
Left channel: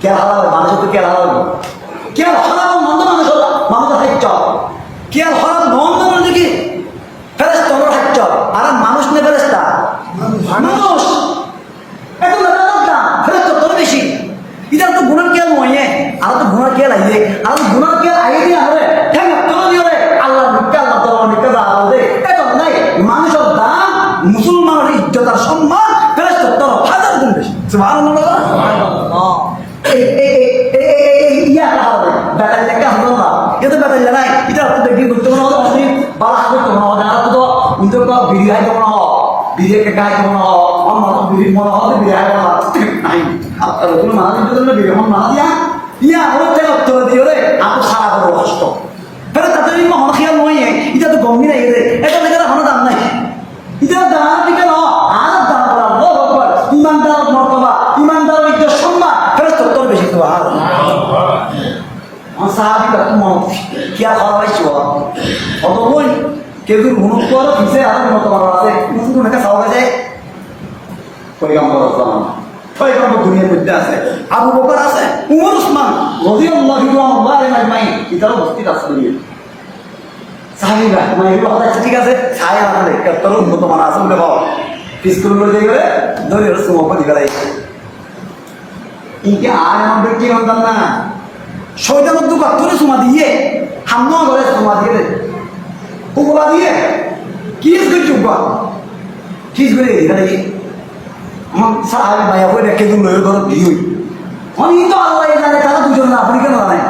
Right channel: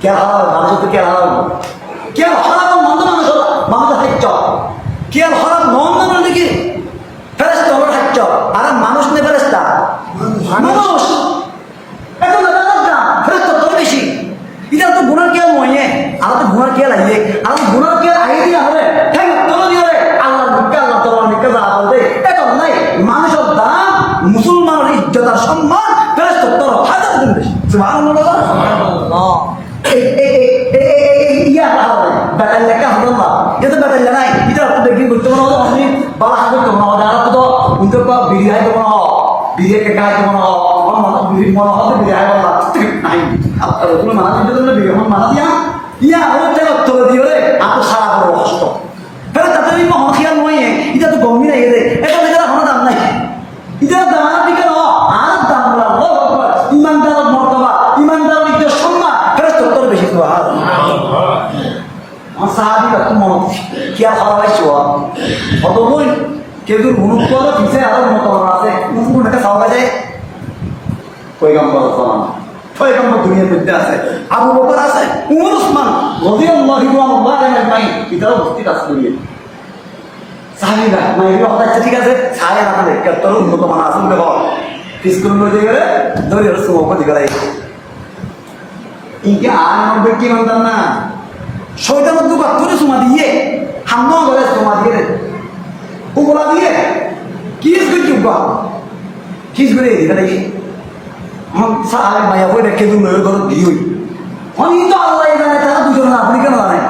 কে হারাবে মানুষ তো কে হারাবো কে হারাবো মানুষ হাইট কে হারাব নন দেখি ফেরেস তলর হাইট আর মানুষ নেই ফেরেস্তা মানুষ এখন ফেরেস তল বেশি এটা তো গুণার কেল ময়ে আর তো গুণার কেল আইয়ে আর গুণার কেল আইয়ে হবে হ্যাঁ তল দিয়ে আল্লাহ মুখে আল্লাহ তাআলা মুখে যা বলে এটা নাই মানুষের দাম মুসলমানের ইজ্জত আর সম্মান ফেরেশতার তরফ হাজার গুণ বেশি সুবহানাল্লাহ সুবহানাল্লাহ ইয়া হবে বেটাল লেখা হবে না এটা বেটাল নাই এটা তো দেখি করতে মনে হয় অনেক বালা করতে মনে হয় যারা তো উনকে তো বিড়ি হাইতে মনে হয় বিড়িকে খাইতে মনে হয় অন্য বিড়ি মনে হয় বিড়ি হাই বলা নাই আপনার কোনো মানা দিতে না বিড়ি হন মানা দিয়া ইয়া ওই তেল তো দিও রে আর তো সারা বড় কষ্ট ফেরে তাতে মহন খেয়াল নয় এটা তো গম্ভীর নাই রে এটা মেয়েরা কোনো দাম নাই এটা দাম দিবে না আর দাম বলা ইমানদার মর্তবা ইমানদার ঐক্য সম্মান ফেরে তোর বেশি তো আর সাহাবি বা মন কি আর খাওয়া পাইছো অত বই কেউ হুনুক করে পিছিয়ে আরো মতবার আছে কোন একটা খাওয়া যায় পয়গাম্বর সালাম পয়গাম্বর দুনিয়ার মধ্যে আছে আবু বকর আছে উমর উসমান রাদিয়াল্লাহু আনহুম এটাও উপস্থিত আছে দুনিয়া সাহাবীরা মাইরা কথা ঠিক আছে ছায়া আমাদের কত উন্নত মান আছে বলে বল স্কুল লয়ে গেলে ধরে রসু ওপর গলাই ইকে আর আমাদের কি রমজান না শয়তানের দুকা তোরে সুমা দিয়ে হাম্মা করে সুমা দিয়ে ওগুলা দিয়ে কিস করে চুপা কিস করে এখানে আমার সাহাবী মায়া বই রেখে দিল লয়ে ধরে দিই আমি তো আল্লাহ জানে তারা দুজন না আপনি কেন জানেন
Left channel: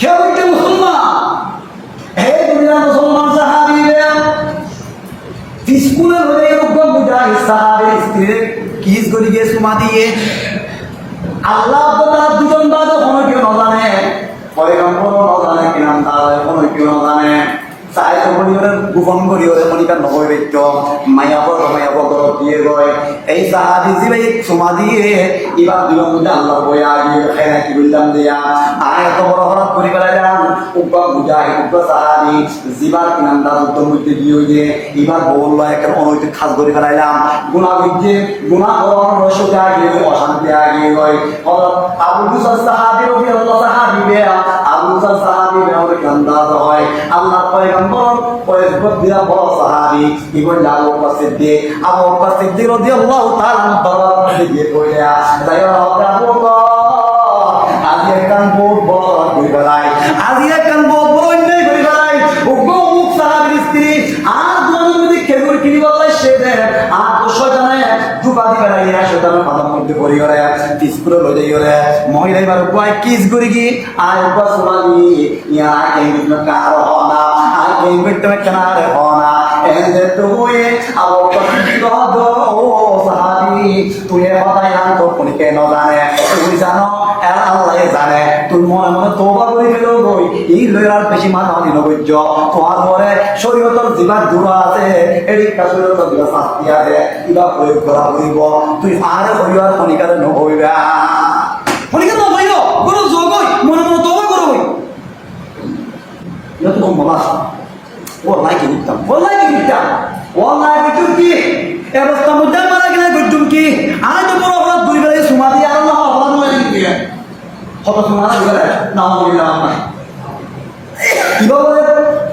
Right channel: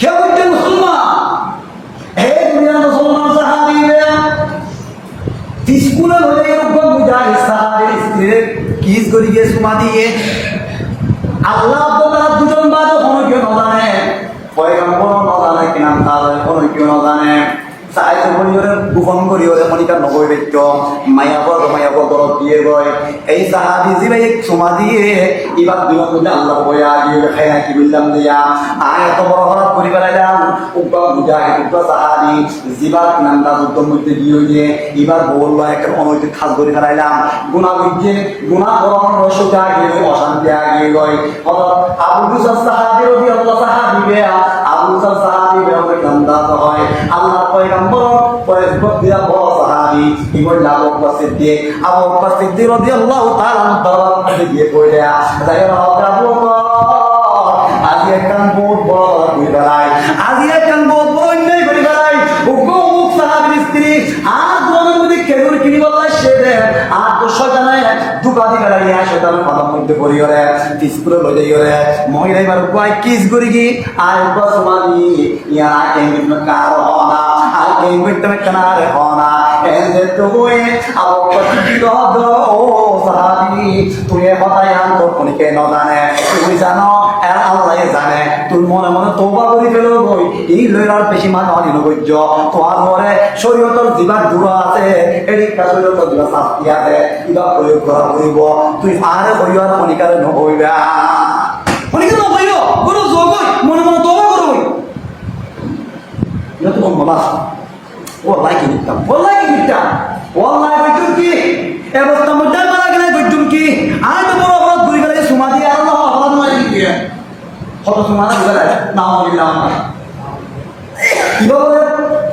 কেউ একটা মুসলমান হে দুনিয়া মুসলমান সাহাবীরা স্কুলে হয়ে রকম মুজাহিদ সাহাবীর স্ত্রী কিস করি গিয়ে সুমা দিয়ে আল্লাহ তাআলা দুজন বাদ কোনো কেউ না জানে পয়গম্বর না জানে কি নাম তাহলে কোনো কেউ না জানে সাইতে বলিওরে গোপন করিওরে মনিকা নগৈ বেচ্চ মায়া বড় দিয়ে গয় এই সাহাবী জিবে এক সুমা দিয়ে ইবাদ দিলাম মধ্যে আল্লাহ বয়া গিয়ে খাইনা কি বললাম দিয়া আয় এত বড় হরাত করি বেড়াইলাম উব্বা মুজাহিদ উব্বা সাহাবী জিবার নামটা যুদ্ধ মধ্যে দিয়ে এবার বললো একটা অনৈতিক খাস করে বেড়াইলাম গুণা বুঝছে গুণা করণ রয়েছে গিয়ে অশান্তি আগিয়ে গয় আবু মুসাল সাহাবী রবি আল্লাহ সাহাবী বেয়া আবু মুসাল সাহাবী বেয়া কান্দাত হয় আল্লাহ পয়গম্বর পয়গম্বর দিয়া বড় সাহাবী ইবন আবু বকর সিদ্দিক রাদিয়াল্লাহু তাআলা দরবারে গিয়ে পড়িয়া দাইরা আবু বকর আজি একখান বহুত বড় করি বেড়াই আজি একখান বহুত বড় অন্যায় করি বেড়াই মুখ সাহাবীর স্ত্রী আর দুজনের মধ্যে খেলুর কিনি বললাই সে দেয় আর তো শয়তানে দুকাদি বেড়াইয়া শয়তানের মাথার মধ্যে পড়ি ওরে স্কুলে লই যাই ওরে মহিলা এবার উপায় কিস করি কি আর উপায় সমাধি ইয়া কেন কার হনা আর কেন বিট্টমে কানার হনা এন্ড তো ওয়ে আবো কত ও সাহাবী তুই হতাই আন তো কোন কে ন জানে তুই জানো আর আল্লাহ জানে তুই মনে মনে তওবা করি ফেলো গই এই লইরার বেশি মাথা হলি নগজ্য তোমার মনে শরীয়তর জীবন দূর আছে এই শরীয়তর জীবন শাস্তি আছে ইবা প্রয়োগ করা হইব তুই আরে হইয়ার মনিকারে নহইবা মনিকারে নহইব বড় জগই মনে মনে তওবা করবই এটা তো মামা ওয়াল্লাহি কি দিতাম ওয়াল্লাহি বিটুম কি অবস্থা মুদ্দা মারা কিনা বিটুম কি আয় তো বড় অপরাধ করি ফেলে সুমা দিয়ে আল্লাহ অপরাধ মারি দিয়ে কত সুমা দিবে না হইলা না কিবা বলে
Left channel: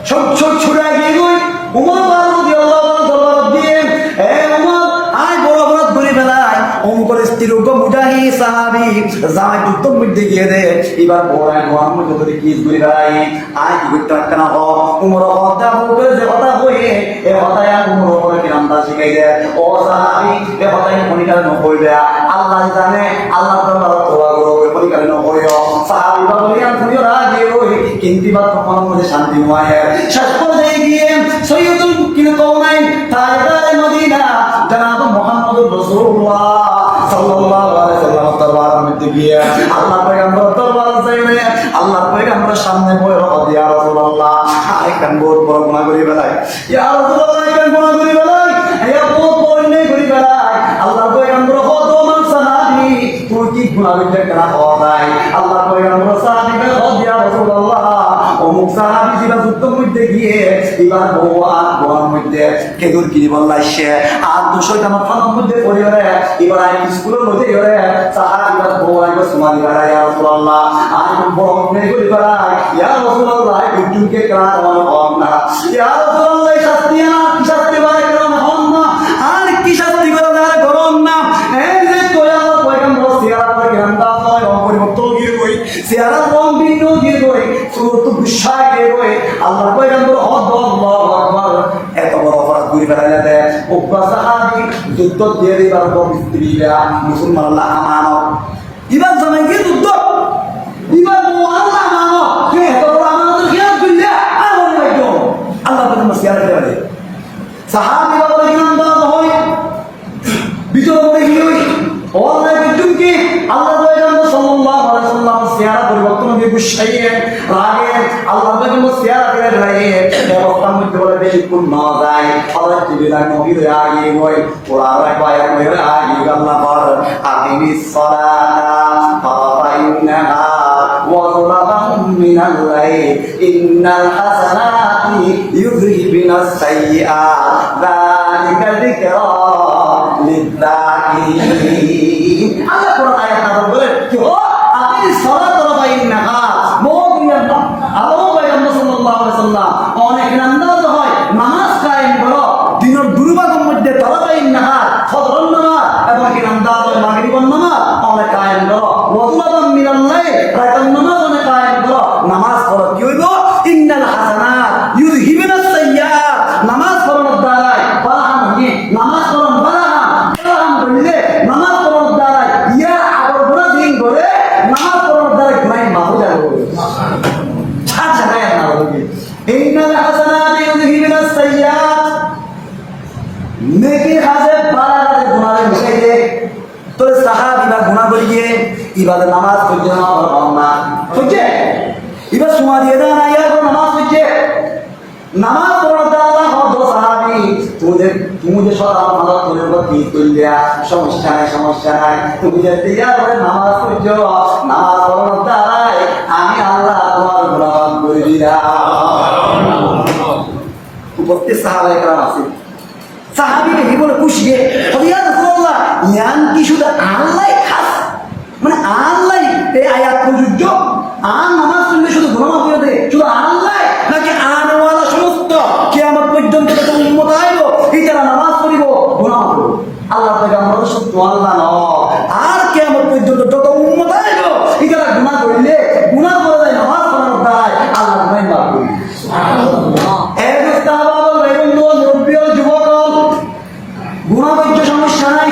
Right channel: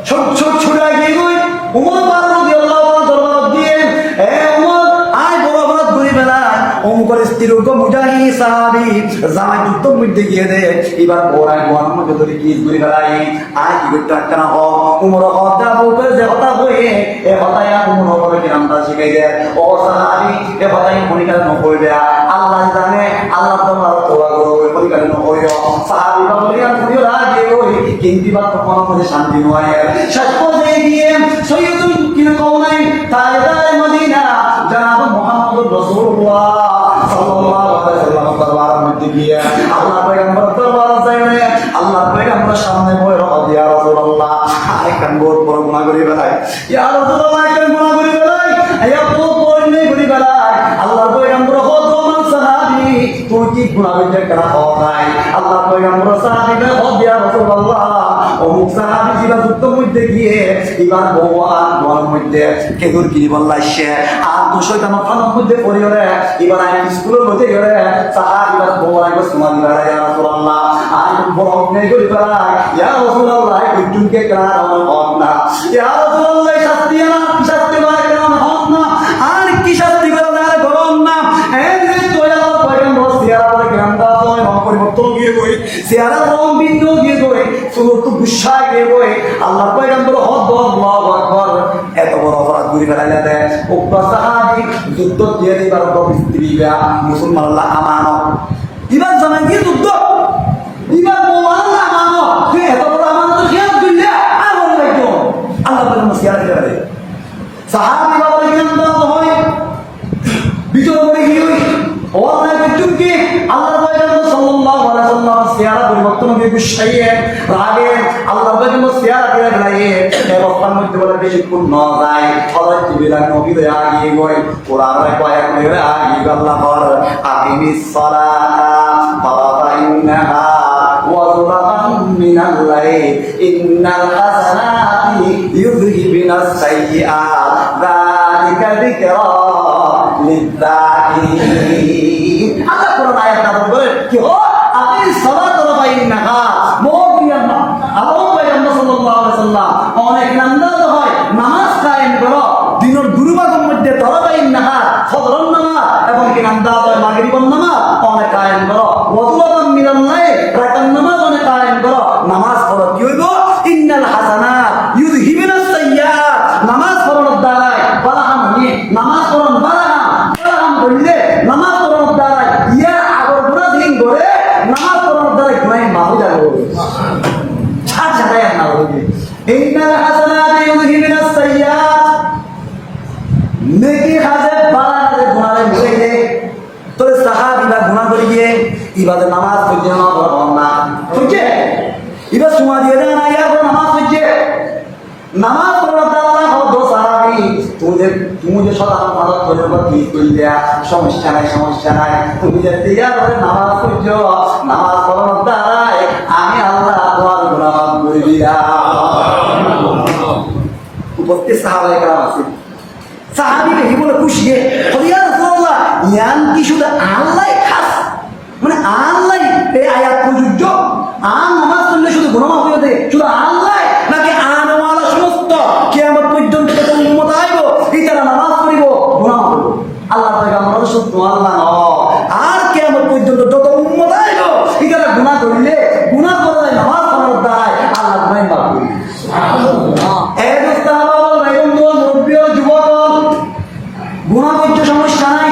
সব ছুড়া গিয়ে গই উমর রাদিয়াল্লাহু তাআলা দরবার দিয়ে এ উমর আয় বড় অপরাধ করি ফেলাই অমুকের স্ত্রীর মুজাহি সাহাবী জামাই যুদ্ধ মধ্যে গিয়ে দে এবার বড়াই মোহাম্মদ যদি কি করি ফেলাই আয় কি করতে একটা না উমর হত্যা করে যে কথা হয়ে এ হতায় উমর করে কি নামটা শিখাই দে ও সাহাবী এ হতায় মনিকারে নকইবে আল্লাহ জানে আল্লাহ দরবার তোবা করো মনিকারে নকইও সাহাবী বলে আর তুইও রাজি হই কিন্তু বাত কোনো মধ্যে শান্তি নয় শেষ পর্যায়ে গিয়ে সৈয়দুল কিনকাউনাইন তাজদারে মদিনা জনাব মুহাম্মদুর রাসূলুল্লাহ সাল্লাল্লাহু আলাইহি ওয়াসাল্লাম দরবারের মধ্যে গিয়ে আল্লাহ পয়গম্বর দরবারে যাইলে আল্লাহ পয়গম্বরের সামনে বই রাখা ইয়া রাসূলুল্লাহ আরেকখান বহুত বড় গুনাহ করি বেলাই ইয়া রাসূলুল্লাহ আরেকখান গুনাহ করি বেলাই ইয়া বহুত বড় অন্যায় করি বেলাই আল্লাহ পয়গম্বর হতো মান সাহাবী তুই কি গুনাহ করতে কেনা হওয়া যায় আল্লাহ পয়গম্বর সাহাবীকে হদ ইয়া রাসূলুল্লাহ অমুক সাহাবী জিবা যুদ্ধ মধ্যে গিয়ে এবার বউ আর বউর মধ্যে কেদুর কিনি বললাইছে আর তো শয়তান খানার মধ্যে পড়িওরে এবার আই স্কুলের মধ্যে গিয়ে সাহাবীরা বউ আইব সুমানি বাড়া ইয়া রাসূলুল্লাহ আর বড় নেই করি করা ইয়া রাসূলুল্লাহ কুতুমকে কারণ হন না ইয়া রাসূলুল্লাহ শাস্তি বাড়া কারণ হন না আর কি শাস্তি করা না গরম না এই যে তোয়া পয়গম্বর সিয়ারা করে গ্রামটা হয় পরিবর্তন গিয়ে কই সিয়ারা রং বিন্দু দিয়ে কই তো গুসা গিয়ে কই আল্লাহ পয়গম্বর হদ আল্লাহু আকবার এত বড় অপরাধ করি ফেলাইলে দে উব্বা সাহাবী যুদ্ধ দিয়ে তার স্ত্রীরা মুসলমান আল্লাহ আমানত ইবার জানাই গিয়ে যুদ্ধ ইবার আল্লাহ আমানত তুই এত বড় আমানতের খেয়াল করলে আর বলে ভাইতো আল্লাহ পয়গম্বর সিয়ারা করে বলে সাহাবী বাবা কিনা হয় বিজয় করে গিয়ে ওয়াল্লাহি বিটুম কি আল্লাহ পয়গম্বর সাল্লাল্লাহু আলাইহি ওয়াসাল্লাম সিয়ারা পরিবর্তন দিয়ে গুছাইয়ে রাগে আল্লাহ পয়গম্বর সিয়ারা করে রাগে এই অবস্থার মধ্যে বলে বেশি কোন না যায় হযরত বিলাল নবী রে আগে গই কোরআনে কয়েক করে আগে আল্লাহ পর আকিমিস সালাতা ফারাইনাহা ওয়া যুলাতাম মিনাল লাইল ইন্নাল হাসানাতি ইউযহিবিনাস সাইয়্যাত যালিকা যিকরা লিযাকিরিন আল্লাহ কোরআন আয়াত নাযিল করে কি হো আপনি সালাত রাবাইন নাহার মুমিনান আল্লাহ পয়গম্বর সাল্লাল্লাহু আলাইহি ওয়াসাল্লাম অনেক আন্দাজ হয় নামাজ কায়েম করো দিনের দুর্ভাগের মধ্যে তলাবাইন নাহার ফজর নামাজ এবং কি আন্দাজ হয় মাগরিবের নামাজ অনেক কায়েম করো ওয়াজুলাম মিনাল লাইল রাতের নামাজ অনেক কায়েম করো নামাজ পড়ো কি হইব ইন্নাল হাসানাত ইউযহিবিনাস সাইয়্যাত নামাজ পড়ার দ্বারা বালাহাম কি নামাজ পড়ার বালাহাম বললে নামাজ পড়ার দ্বারা ইয়া আবার পুরো দিন ধরে নামাজ পড়ার দ্বারা গুনাহ মাফ হয়ে যাবে আচ্ছা ভাই না বলি ইন্নাল হাসানাত ইউযহিবিনাস সাইয়্যাত সাহাবীরা গুনাহ করে গিয়ে ইবাদত নামাজ পড়তে না বুঝছে এবার সময় দিয়ে দেন না ইয়া নামাজ পড়ছে নামাজ পড়াতে আল্লাহ হদ সাহাবী তুমি যে সকাল নামাজ পড়ে বা কি করলে সমস্যা নাই তুমি যে তৈয়ার করে নামাজ পড়ছো নামাজ পড়ানোর দ্বারাই আমি আল্লাহ তোমার গুনাহ মাফ করে দিলাম উপস্থিত সাহাবায়ে কেরাম আছে সাহাবী কি বলে খুশি ইয়া রাসূলুল্লাহ ইয়ান কি শুধু আল্লাহ খাস মানে আল্লাহ এই আয়াত প্রযোজ্য আর নামাজ পড়লে শুধু গুনাহ মাফ করে দেয় শুধু আল্লাহ নাকি আনওয়ালা সমস্ত কিয়ামত পর্যন্ত যত উম্মত আইব এই তারা নামাজ পড়িব গুনাহ মাফ করব আল্লাহ পয়গম্বর সত্য আল্লাহ ন আর কিয়ামত পর্যন্ত যত উম্মত আইব এই তারা গুনাহ করলে গুনাহ করে দেয় নামাজ পড়ার দ্বারা আল্লাহ গুনাহ মাফ করবে সুবহানাল্লাহ এই দোস্তাবা বন্ধু মুরব্বী যুবক গুনাহ করতে সমস্যা নাই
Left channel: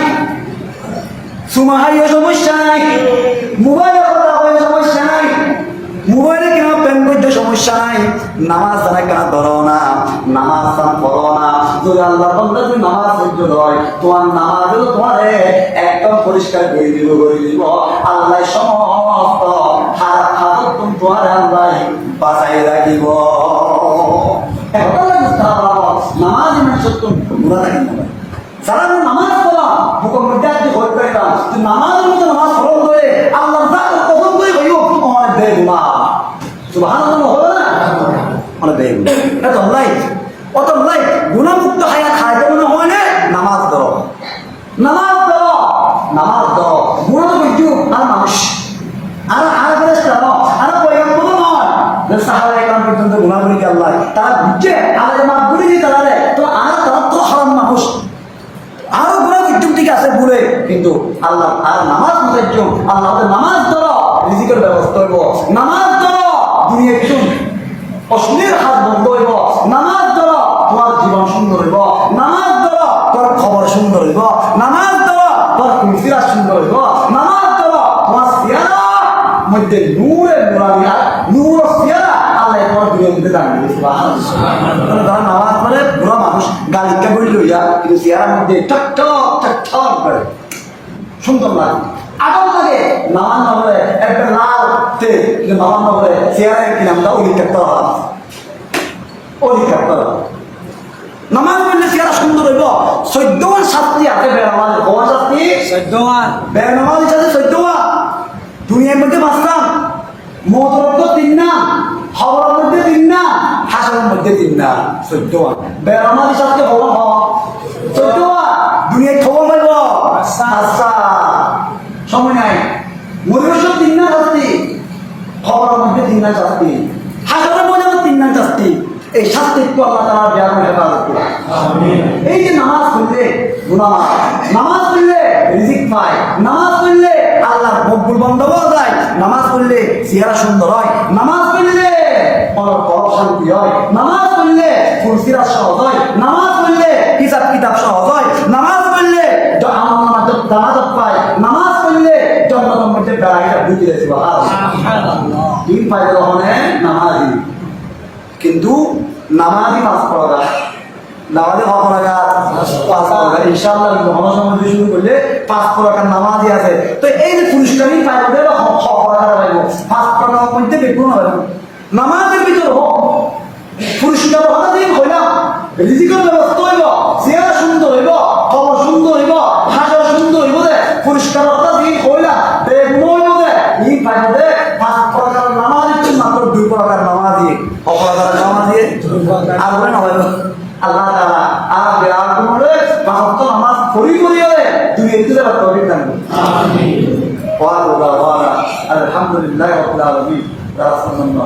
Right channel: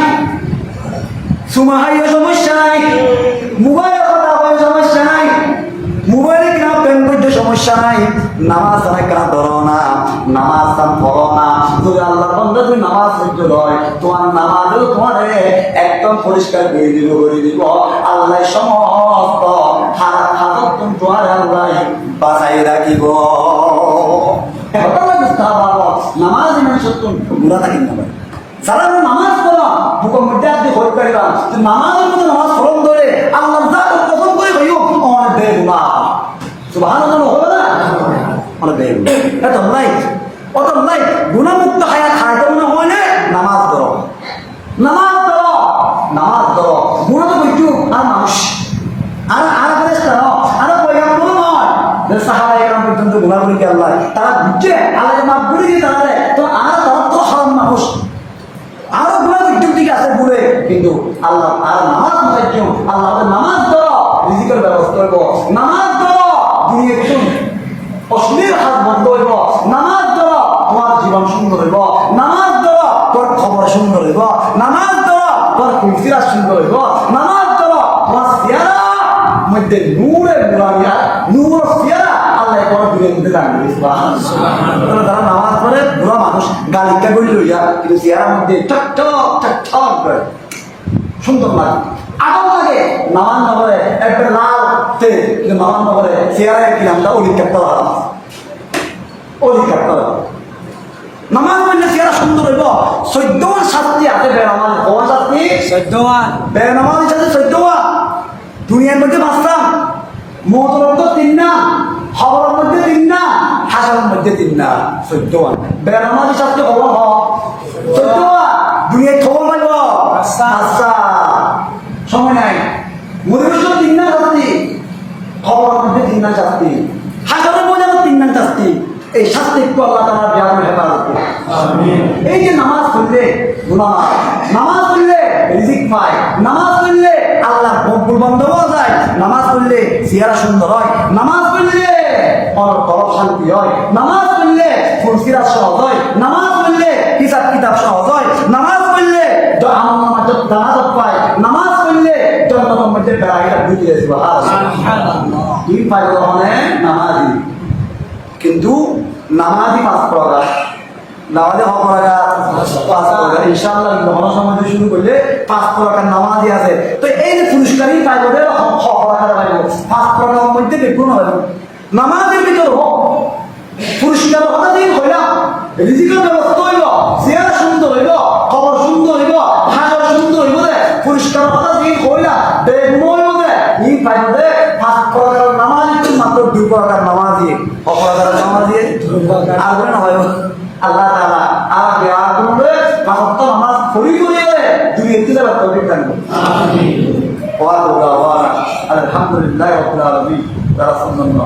সুমাহাইও সমস্যা নাই মোবাইলের কথা হয় সমস্যা নাই মোবাইলে কেনা প্রেম করতে সমস্যা নাই নামাজ জানা কেনা ধরো না নামাজ পড়ো না যদি আল্লাহ বন্ধু তুমি নামাজ পড়তে হয় তোমার নামাজও তোমার একদম পরিষ্কার করে দিব আল্লাহ সমস্ত খারাপ আদত তোমার আল্লাহ বাঁচাই রাখিব নামাজ ইমান সত্য গুণা থাকি না যারা নামাজ পড়া হুকুম মধ্যে আপনি ভোট করে পান নামাজের মধ্যে নামাজ পড়ন করে আল্লাহ কখন করে হইব তোমার দেব না সুবহানাল্লাহ হলো না মানে দেব এত নাই গুণামুক্ত হায়াত হাইতে মনে হইলে নামাজ ধরো গুণ তো কিছু আর মানুষ আর ফেরেশতা আর পয়গম্বর নয় সাহাবায়ে কেরাম পর্যন্ত গুনাহ করে আল্লাহ তারা বুঝছে আল্লাহকে মাফ করে দিয়ে তারা তো আর তারা তো খারাপ মানুষ আরো গুণা ঠিক আছে বলে কিন্তু আল্লাহ আর নামাজ মাথায় আল্লাহ নামাজ ধরো রিজিকের ব্যবস্থা হইব নামাজ ধরো দুনিয়া শুন অশ্লীল হাত বন্ধ হইব নামাজ ধরো তোমার জীবন সুন্দর হইব নামাজ ধরো তোর খবর সুন্দর হইব নামাজ ধরো তোর কুলসিরা সুন্দর হইব নামাজ ধরো তোমার সিয়ারা মধ্যে নূরের মুরাদিয়া নূর সিয়ারা আল্লাহ পর দুনিয়ার মধ্যে দাঁড়িয়ে যারা নামাজ পড়ে বুড়া মানুষ গালিকা করি লইয়া কিন্তু চেহারার মধ্যে ঠক করে সুন্দর লাগে আদম লাগে নামান নগরে একটা লাল তেল কিন্তু নামান নগরে চেহারা কি নামটা অলিকাপ্তর নামাজ পড়লে চেহারা সুন্দর হইব 14 শাস্তি আছে বেনামাজ কোন শাস্তি 14 বেনামাজ আছে 14 দুনিয়ার মধ্যে বাঁচলাম মৌতের মধ্যে 3 না খবরের মধ্যে 3 না হাসরের মধ্যে 3 না 14 বেনামাজি শাস্তি হলো 14 দুনিয়ায় খবর পাইব আচ্ছা সময় নাই মরিবস 3 না শাস্তি খবরের মধ্যে 3 না শাস্তি হাসরের মধ্যে 3 না শাস্তি এই শাস্তি একটু আল্লাহ তাআলা দেয়া করে হেফাজত করুন আমিন এই যে নামাজ পড়লে গুনাহ নামাজ পড়লে রিজিক পায় নামাজ পড়লে আল্লাহ মকবুল বান্দা হওয়া যায় নামাজ পড়লে চেহারা সুন্দর হয় নামাজ পড়লে কলব শান্তি হয় নামাজ পড়লে কুরসিরাত সহজ হয় নামাজ পড়লে কিতাব সহজ হয় নামাজ পড়লে আমলনামা দানাত পায় নামাজ পড়লে জান্নাতের মধ্যে বেড়াইটা ঢুকে সুবহানাল্লাহ কি ফায়দা হবে নামাজি কিন্তু নামাজি পাঁচ প্রকার নামাজে হক লাগা 5 প্রকার ইনশাআল্লাহ যখন সময় শুরু করলে 5 প্রকার নামাজি আছে তো এই যে পুরস্কারই পাইব দেব হক প্রকার পাইব 5 প্রকার মধ্যে বেগুন হবে নামাজের ভিতর হক পুরস্কার কথা দিন হইলাম রিজিকের ব্যবস্থা হইব চেহারা সুন্দর হইব খবর সুন্দর হইব ভাষা সুন্দর হইব রে পুরস্কার কথা দিন হইলাম বেগুন হইব রে এই পাইব দে 5 প্রকার নামাজি মাত্র 2 প্রকার নামাজি হক প্রকার নামাজি আর বলে না ভাই আল্লাহ তাআলা আগে আগুনে পাঁচ নামাজ পড়ি করে দুই একটু তৌফিক দান করুন আমিন ওয়া আলহামদুলিল্লাহি রাব্বিল আলামিন রাসূলুল্লাহ